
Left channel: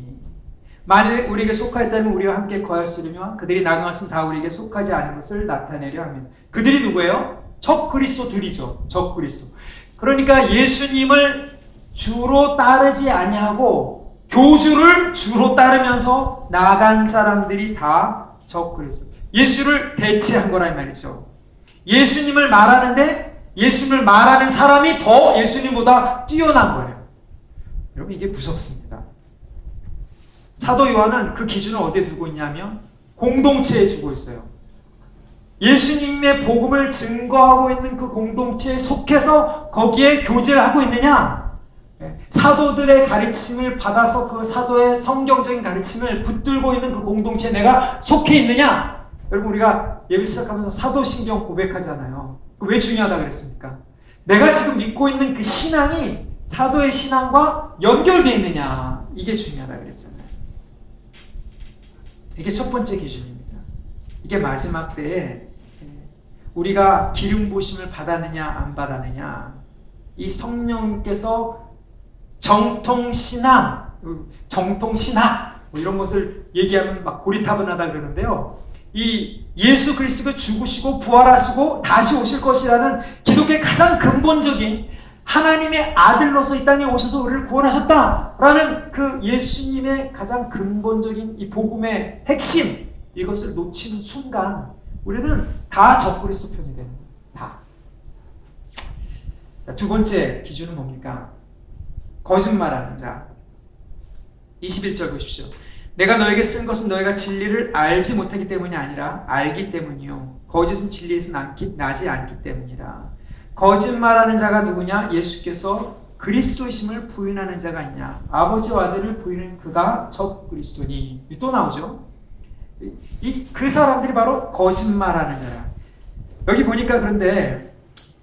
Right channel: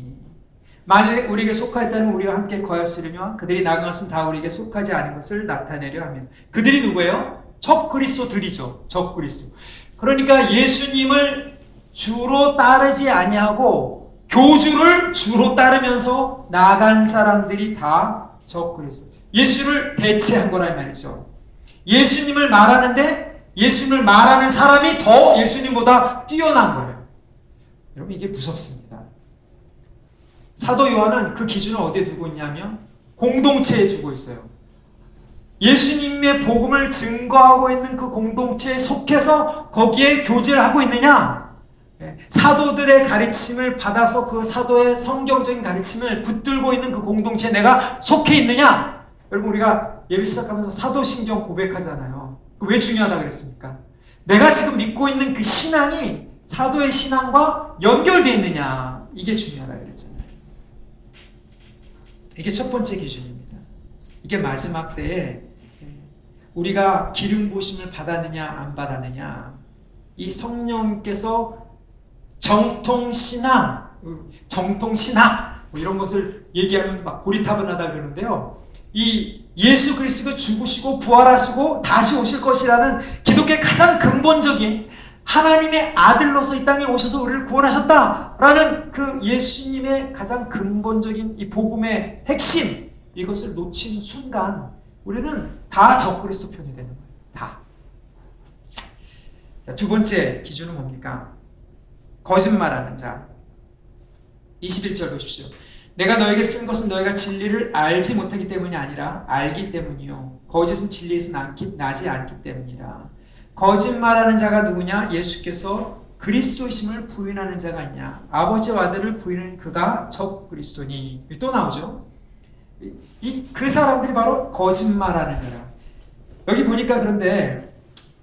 만일 우리에게 속하였다면 우리와 함께 거하였으려며 그들이 나간 것은 다 우리에게 속하지 않은 것을 나타내려 합니다. 그들이 누구예요? 적그리스도들이죠. 적그리스도. 그러니까 예수님을 주로 따르지 아니하고 교주를 주로 따르면서 나간 사람들이 다 적그리스도. 예수를 대체한 거란 말이죠. 예수님을 말하는데 예수님을 말하는 사람이 더 예수님보다 뛰어난 거예요. 여러분, 이게 무섭습니다. 사도 요한은 그 기준을 어디에 두고 있냐면 공동체에 두고 있어요. 예수님의 복음을 증거하고 있는 그 공동체에 속해서 거기에 교제를 하고 있느냐? 사도들의 가르침을 받아서 그 사도의 성경적인 가르침을 붙들고 있는 그 공동체에 내가 속해 있느냐? 여러분, 우리가 예배 시작하면서 사도신경 고백하잖아요. 왜 중요하다고 그랬습니까? 내가 지금 믿고 있는 그 신앙이 사도의 신앙과 연결되어 있느냐? 이게 중요하다고 그랬잖아요. 이게 첫 번째 기준입니다. 이게 마지막 때에 우리가 기름 부으심을 받았느냐 안 받았느냐, 이 성령께서 정통신앙, 정통 신학 뭐 이런 것을 얘기하면 막 고리타분하다 그러는데요. 이 예수 그리스도가 죽으시고 부활하시고 다시 오실 것이라는 기독교의 가장 근본적인 하나님의 아들로서 이 땅에 오셔서 우리를 구원하셨다라는 그 예수님의 가장 근본적인 이 복음의 핵심, 이것을 놓치는 순간 우리는 다 적그리스도 편이 되는 거예요. 다. 자, 두 번째 기준은 뭡니까? 거짓말하는 자. 21절 보십시오. 내가 너에게 쓴 것은 너희가 진리를 알지 못하기 때문이 아니라 알기 때문이요. 거짓은 진리에서 나지 않기 때문이라. 거짓말하는 자가 누구냐? 예수께서 그리스도이심을 부인하는 자가 있냐? 아버지와 아들을 부인하는 그가 적그리스도니. 또 나오죠. 그 사람들이 바로 거짓말하는 자야. 여기 보니까 그런데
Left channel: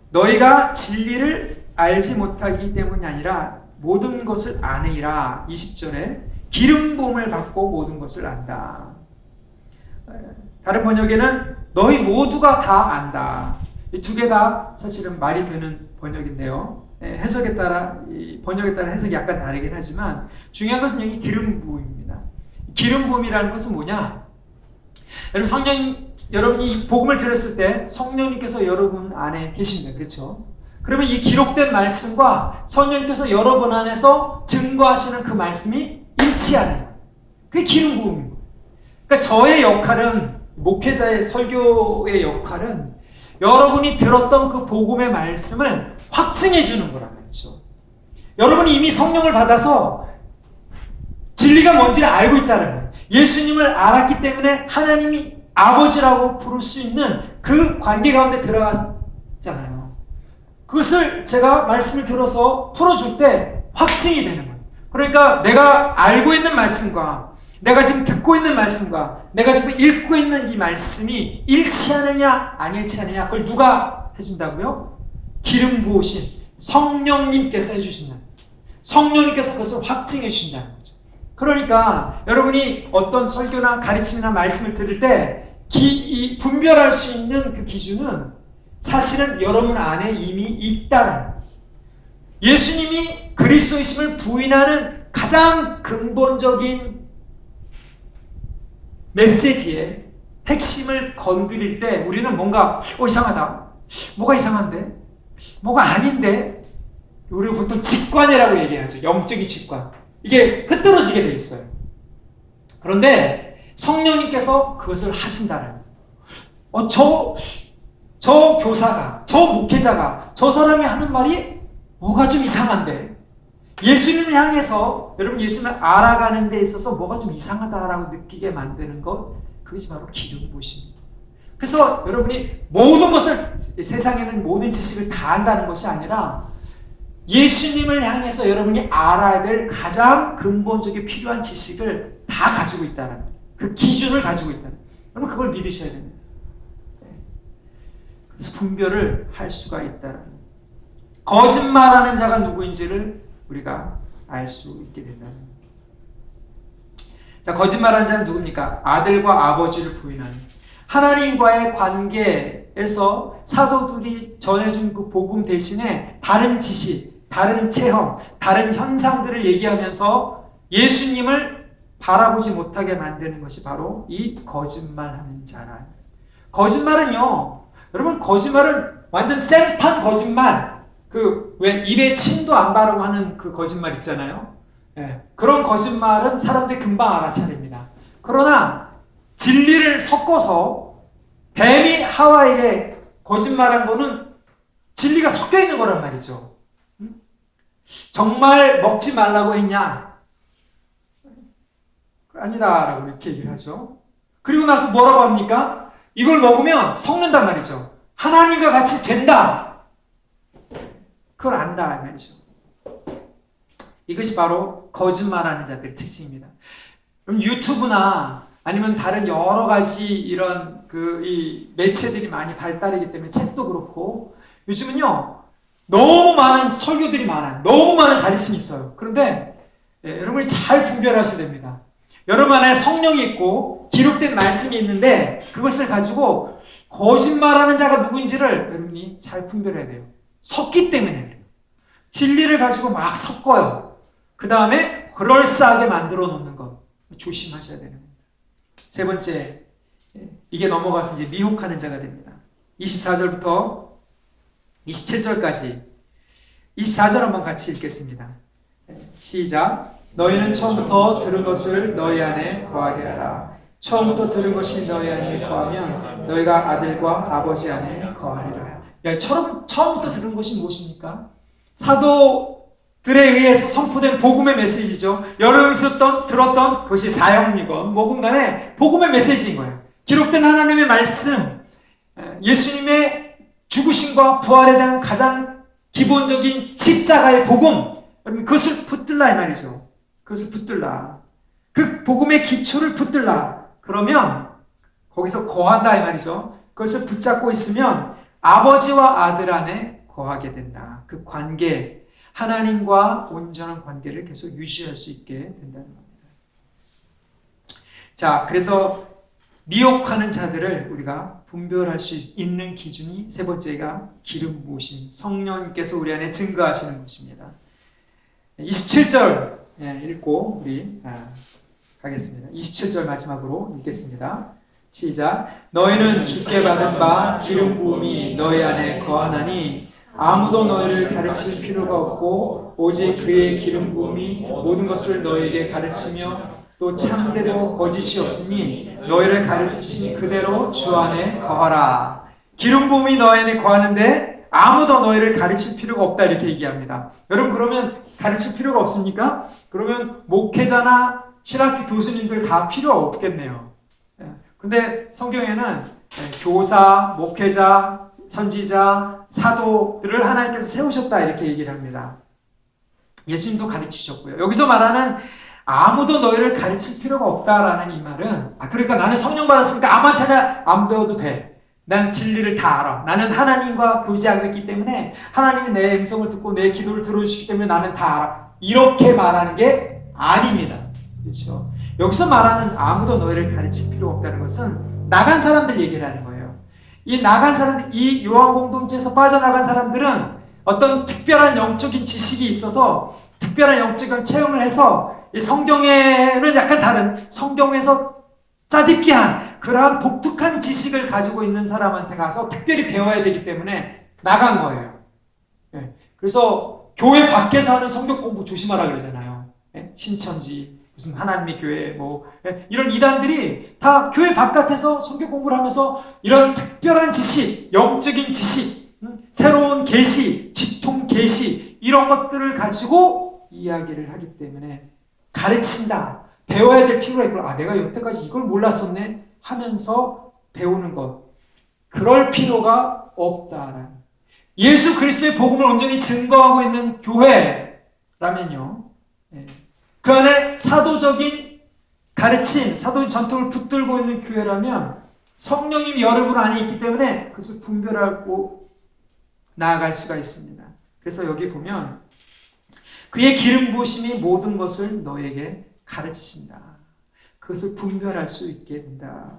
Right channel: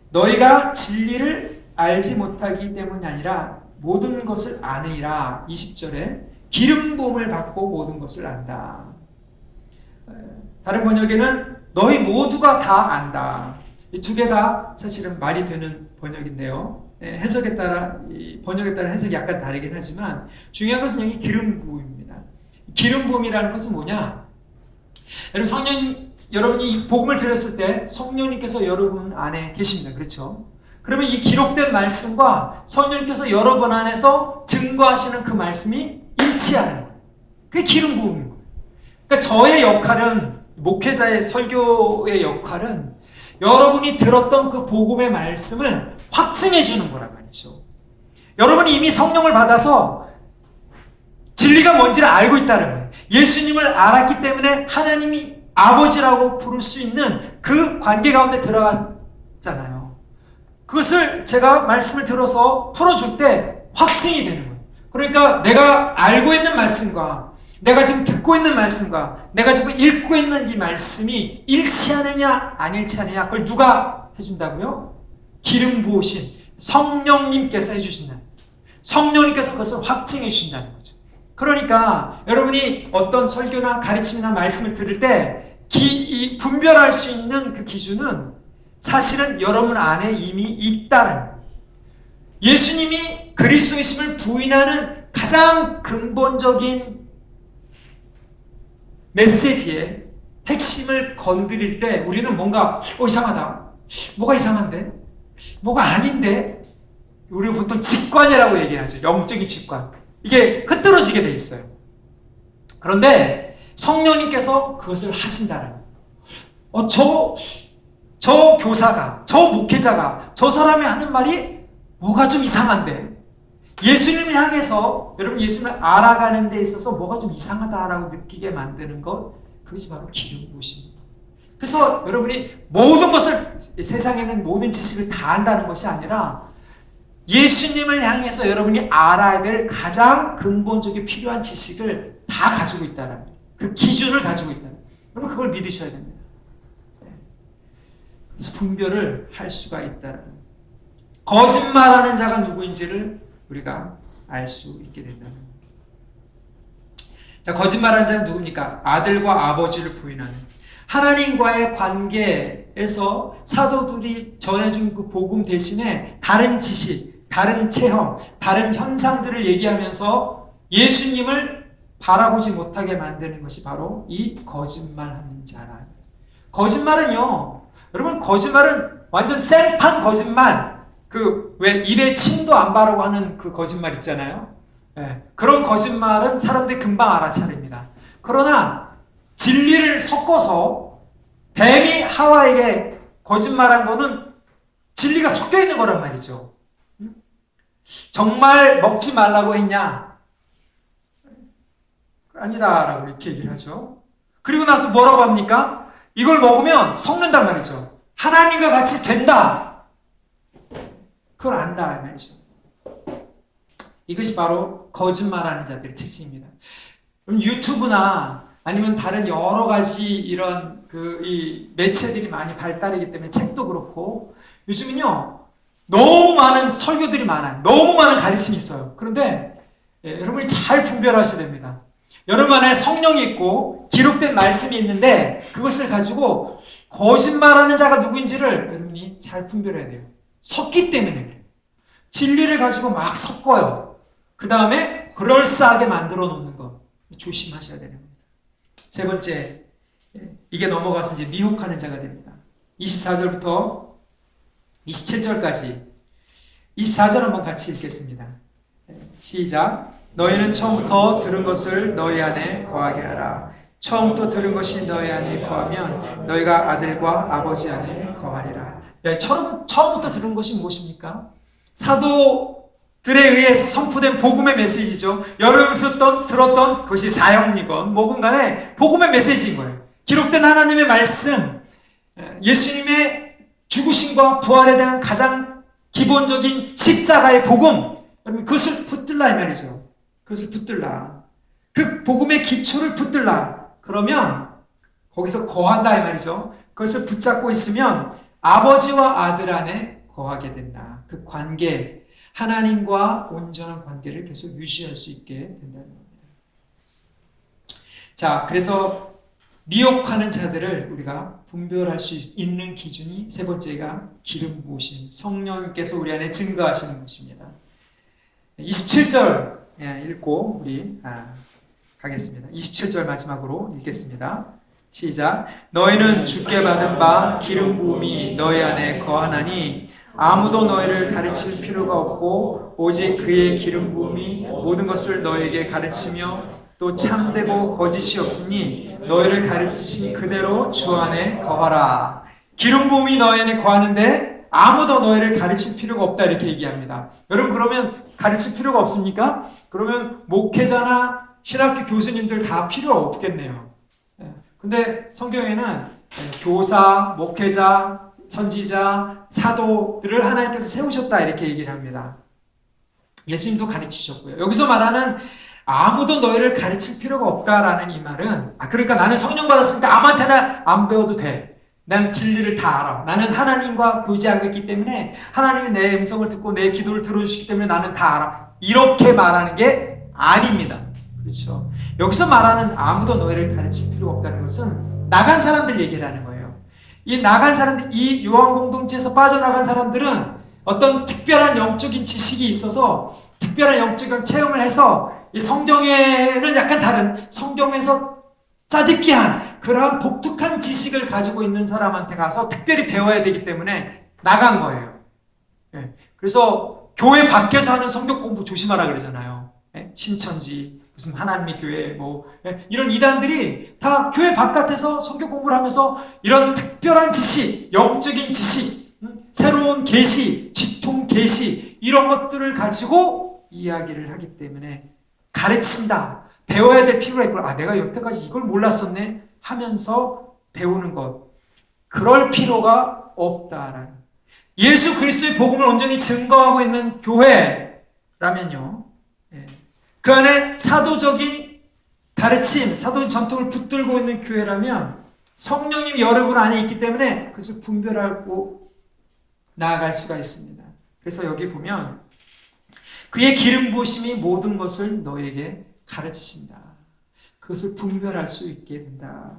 너희가 진리를 알지 못하기 때문이 아니라 모든 것을 아느니라. 20절에 기름 부음을 받고 모든 것을 안다. 다른 번역에는 너희 모두가 다 안다. 이 두 개 다 사실은 말이 되는 번역인데요. 해석에 따라 번역에 따라 해석이 약간 다르긴 하지만 중요한 것은 여기 기름 부음입니다. 기름 부음이라는 것은 뭐냐? 여러분이 이 복음을 들었을 때 성령님께서 여러분 안에 계십니다. 그렇죠? 그러면 이 기록된 말씀과 성령님께서 여러분 안에서 증거하시는 그 말씀이 일치하는 거예요. 그게 기름 부음인 거예요. 그러니까 저의 역할은, 목회자의 설교의 역할은 여러분이 들었던 그 복음의 말씀을 확증해 주는 거란 말이죠. 여러분이 이미 성령을 받아서 진리가 뭔지를 알고 있다는 거예요. 예수님을 알았기 때문에 하나님이 아버지라고 부를 수 있는 그 관계 가운데 들어갔잖아요. 그것을 제가 말씀을 들어서 풀어줄 때 확증이 되는 거예요. 그러니까 내가 알고 있는 말씀과 내가 지금 듣고 있는 말씀과 내가 지금 읽고 있는 이 말씀이 일치하느냐 안 일치하느냐, 그걸 누가 해준다고요? 기름 부으신 성령님께서 해주신다는 거죠. 성령님께서 그것을 확증해 주신다는 거죠. 그러니까 여러분이 어떤 설교나 가르침이나 말씀을 들을 때 분별할 수 있는 그 기준은 사실은 여러분 안에 이미 있다는 거예요. 예수님이 그리스도이심을 부인하는 가장 근본적인 메시지의 핵심을 건드릴 때 우리는 뭔가 이상하다, 뭐가 이상한데, 뭐가 아닌데, 우리가 보통 직관이라고 얘기하죠. 영적인 직관. 이게 흐트러지게 돼 있어요. 그런데 성령님께서 그것을 하신다는 거예요. 저 교사가, 저 목회자가, 저 사람이 하는 말이 뭐가 좀 이상한데, 예수님을 향해서 여러분 예수님을 알아가는 데 있어서 뭐가 좀 이상하다라고 느끼게 만드는 것, 그것이 바로 기름 부으심입니다. 그래서 여러분이 모든 것을, 세상에 있는 모든 지식을 다 안다는 것이 아니라 예수님을 향해서 여러분이 알아야 될 가장 근본적인 필요한 지식을 다 가지고 있다는 거예요. 그 기준을 가지고 있다는 거예요. 여러분 그걸 믿으셔야 됩니다. 그래서 분별을 할 수가 있다는 거예요. 거짓말하는 자가 누구인지를 우리가 알 수 있게 된다는 거예요. 자, 거짓말하는 자는 누굽니까? 아들과 아버지를 부인하는, 하나님과의 관계에서 사도들이 전해준 그 복음 대신에 다른 지식, 다른 체험, 다른 현상들을 얘기하면서 예수님을 바라보지 못하게 만드는 것이 바로 이 거짓말하는 자라. 거짓말은요, 여러분 거짓말은 완전 생판 거짓말, 왜 입에 침도 안 바르고 하는 그 거짓말 있잖아요. 그런 거짓말은 사람들이 금방 알아차립니다. 그러나 진리를 섞어서 뱀이 하와에게 거짓말한 거는 진리가 섞여 있는 거란 말이죠. 정말 먹지 말라고 했냐? 아니다라고 이렇게 얘기를 하죠. 그리고 나서 뭐라고 합니까? 이걸 먹으면 섞는단 말이죠. 하나님과 같이 된다. 그걸 안다 말이죠. 이것이 바로 거짓말하는 자들의 특징입니다. 그럼 유튜브나 아니면 다른 여러 가지 이런 이 매체들이 많이 발달이기 때문에 책도 그렇고 요즘은요 너무 많은 설교들이 많아요. 너무 많은 가르침이 있어요. 그런데 여러분이 잘 분별하셔야 됩니다. 여러분 안에 성령이 있고 기록된 말씀이 있는데 그것을 가지고 거짓말하는 자가 누구인지를 여러분이 잘 분별해야 돼요. 섞기 때문에 그래요. 진리를 가지고 막 섞어요. 그 다음에 그럴싸하게 만들어 놓는 것 조심하셔야 되는 겁니다. 세 번째, 이게 넘어가서 이제 미혹하는 자가 됩니다. 24절부터 27절까지 24절 한번 같이 읽겠습니다. 시작. 너희는 처음부터 들은 것을 너희 안에 거하게 하라. 처음부터 들은 것이 너희 안에 거하면 너희가 아들과 아버지 안에 거하리라. 처음부터 들은 것이 무엇입니까? 사도들에 의해서 선포된 복음의 메시지죠. 여러분이 들었던 그것이 사형이건 뭐건 간에 복음의 메시지인 거예요. 기록된 하나님의 말씀, 예수님의 죽으심과 부활에 대한 가장 기본적인 십자가의 복음, 그것을 붙들라 이 말이죠. 그것을 붙들라. 그 복음의 기초를 붙들라. 그러면 거기서 거한다 이 말이죠. 그것을 붙잡고 있으면 아버지와 아들 안에 거하게 된다. 그 관계, 하나님과 온전한 관계를 계속 유지할 수 있게 된다는 겁니다. 자, 그래서 미혹하는 자들을 우리가 분별할 수 있는 기준이 세 번째가 기름 부으심, 성령님께서 우리 안에 증거하시는 것입니다. 27절 읽고 우리 가겠습니다. 27절 마지막으로 읽겠습니다. 시작. 너희는 주께 받은 바 기름 부음이 너희 안에 거하나니 아무도 너희를 가르칠 필요가 없고 오직 그의 기름 부음이 모든 것을 너희에게 가르치며 또 참되고 거짓이 없으니 너희를 가르치신 그대로 주 안에 거하라. 기름 부음이 너희 안에 거하는데 아무도 너희를 가르칠 필요가 없다 이렇게 얘기합니다. 여러분 그러면 가르칠 필요가 없습니까? 그러면 목회자나 신학교 교수님들 다 필요 없겠네요. 근데 성경에는 교사, 목회자, 선지자, 사도들을 하나님께서 세우셨다 이렇게 얘기를 합니다. 예수님도 가르치셨고요. 여기서 말하는 아무도 너희를 가르칠 필요가 없다라는 이 말은 그러니까 나는 성령 받았으니까 아무한테나 안 배워도 돼. 난 진리를 다 알아. 나는 하나님과 교제하고 있기 때문에 하나님이 내 음성을 듣고 내 기도를 들어주시기 때문에 나는 다 알아. 이렇게 말하는 게 아닙니다. 그렇죠? 여기서 말하는 아무도 너희를 가르칠 필요 없다는 것은 나간 사람들 얘기를 하는 거예요. 이 나간 사람들, 이 요한 공동체에서 빠져나간 사람들은 어떤 특별한 영적인 지식이 있어서 특별한 영적인 체험을 해서 이 성경에는 약간 다른 성경에서 짜집기한 그러한 독특한 지식을 가지고 있는 사람한테 가서 특별히 배워야 되기 때문에 나간 거예요. 그래서 교회 밖에서 하는 성경 공부 조심하라 그러잖아요. 신천지, 무슨 하나님의 교회, 이런 이단들이 다 교회 바깥에서 성경 공부를 하면서 이런 특별한 지식, 영적인 지식, 새로운 계시, 직통 계시 이런 것들을 가지고 이야기를 하기 때문에 가르친다. 배워야 될 필요가 있고 내가 여태까지 이걸 몰랐었네 하면서 배우는 것. 그럴 필요가 없다라는. 예수 그리스도의 복음을 온전히 증거하고 있는 교회라면요. 그 안에 사도적인 가르침, 사도적인 전통을 붙들고 있는 교회라면 성령님이 여러분 안에 있기 때문에 그것을 분별하고 나아갈 수가 있습니다. 그래서 여기 보면 그의 기름 부으심이 모든 것을 너에게 가르치신다. 그것을 분별할 수 있게 된다.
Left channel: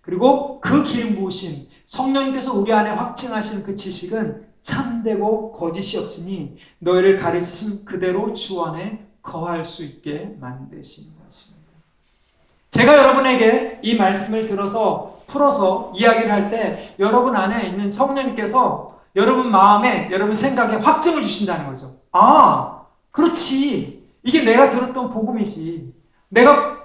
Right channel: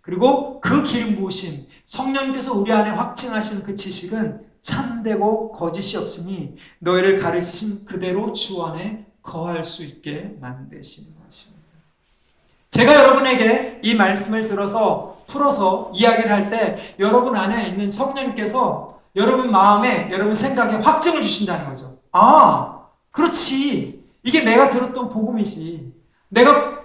그리고 그 기름 부으심, 성령님께서 우리 안에 확증하시는 그 지식은 참되고 거짓이 없으니 너희를 가르치신 그대로 주 안에 거할 수 있게 만드신 것입니다. 제가 여러분에게 이 말씀을 들어서 풀어서 이야기를 할 때 여러분 안에 있는 성령님께서 여러분 마음에, 여러분 생각에 확증을 주신다는 거죠. 그렇지. 이게 내가 들었던 복음이지. 내가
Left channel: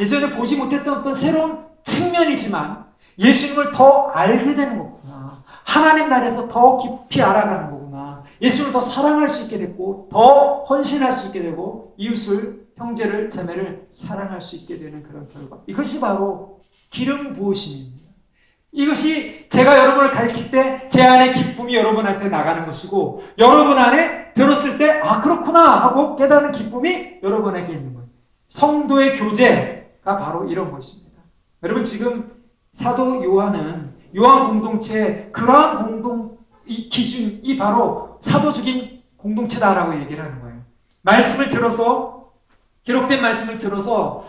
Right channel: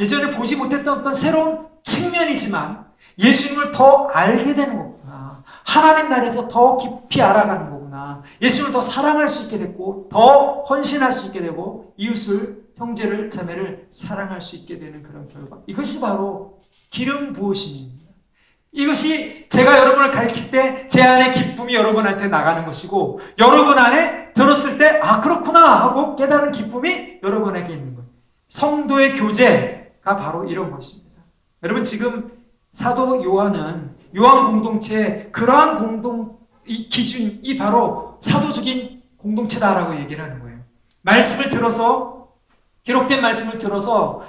예전에 보지 못했던 어떤 새로운 측면이지만 예수님을 더 알게 되는 거구나. 하나님 나라에서 더 깊이 알아가는 거구나. 예수님을 더 사랑할 수 있게 됐고 더 헌신할 수 있게 되고 이웃을, 형제를, 자매를 사랑할 수 있게 되는 그런 결과. 이것이 바로 기름 부으심입니다. 이것이 제가 여러분을 가르칠 때 제 안에 기쁨이 여러분한테 나가는 것이고 여러분 안에 들었을 때 그렇구나 하고 깨닫는 기쁨이 여러분에게 있는 거예요. 성도의 교제가 바로 이런 것입니다. 여러분 지금 사도 요한은 요한 공동체의 그러한 기준이 바로 사도적인 공동체다라고 얘기를 하는 거예요. 말씀을 들어서 기록된 말씀을 들어서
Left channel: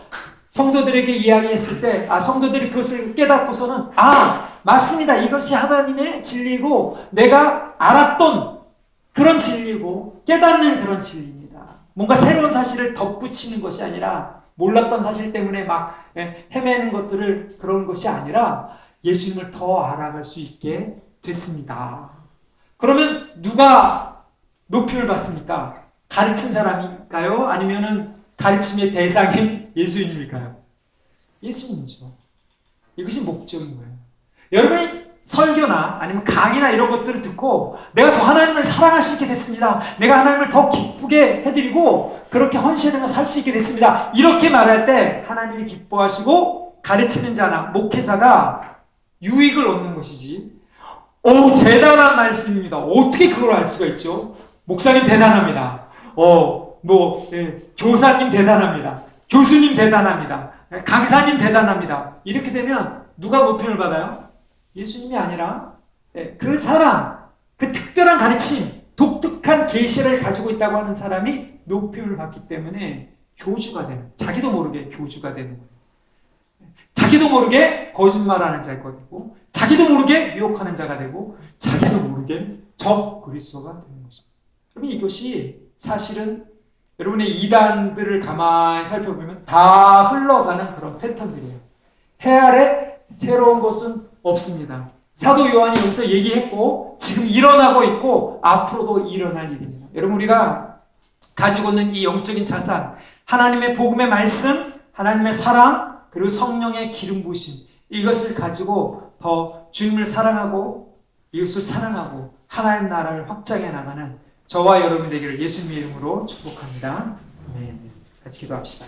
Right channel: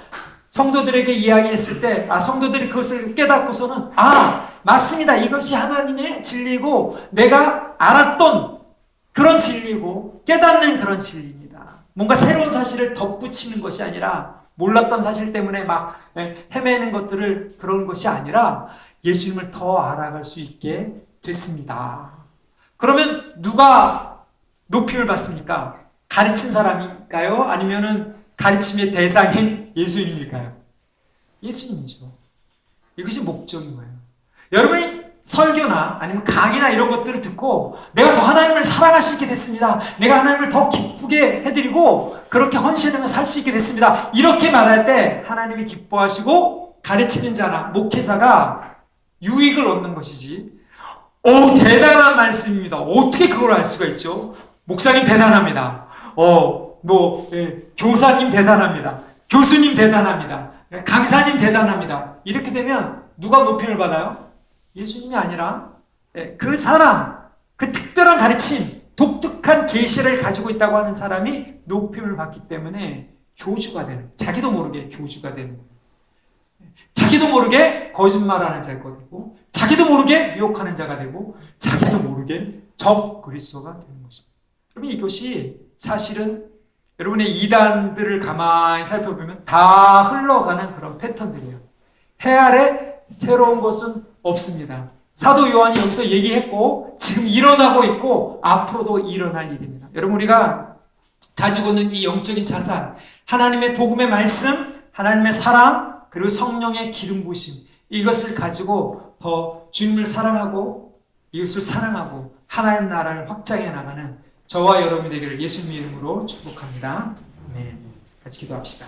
성도들에게 이야기했을 때 성도들이 그것을 깨닫고서는 맞습니다. 이것이 하나님의 진리고 내가 알았던 그런 진리고 깨닫는 그런 진리입니다. 뭔가 새로운 사실을 덧붙이는 것이 아니라 몰랐던 사실 때문에 막 헤매는 것들을 그런 것이 아니라 예수님을 더 알아갈 수 있게 됐습니다. 그러면 누가 높임을 받습니까? 가르친 사람일까요? 아니면은 가르침의 대상인 예수님일까요? 예수님이죠. 이것이 목적인 거예요. 여러분이 설교나 아니면 강의나 이런 것들을 듣고 내가 더 하나님을 사랑할 수 있게 됐습니다. 내가 하나님을 더 기쁘게 해드리고 그렇게 헌신하며 살 수 있게 됐습니다. 이렇게 말할 때 하나님이 기뻐하시고 가르치는 자나 목회자가 유익을 얻는 것이지. 오, 대단한 말씀입니다. 어떻게 그걸 알 수가 있죠? 목사님 대단합니다. 교사님 대단합니다. 교수님 대단합니다. 강사님 대단합니다. 이렇게 되면 누가 높임을 받아요? 예수님이 아니라 그 사람, 그 특별한 가르침, 독특한 계시를 가지고 있다고 하는 사람이 높임을 받기 때문에 교주가 되는, 자기도 모르게 교주가 되는, 자기도 모르게 거짓말하는 자가 되고, 자기도 모르게 유혹하는 자가 되고, 자기도 모르게 적 그리스도가 되는 것입니다. 그러면 이것이 사실은 여러분의 이단들을 가만히 살펴보면 다 흘러가는 그런 패턴들이에요. 해 아래 새로운 것은 없습니다. 사도 요한이 여기서 얘기했고 지금 일어나고 있고 앞으로도 일어날 일입니다. 여러분 우리가 가지고 있는 이 영적인 자산, 하나님의 복음의 말씀, 하나님의 사랑, 그리고 성령의 기름 부으심, 이것을 가지고 더 주님을 사랑하고 이것을 사랑하고 하나님 나라를 확장해 나가는 저와 여러분이 되기를 예수님의 이름으로 축복합니다. 아멘. 같이 기도합시다.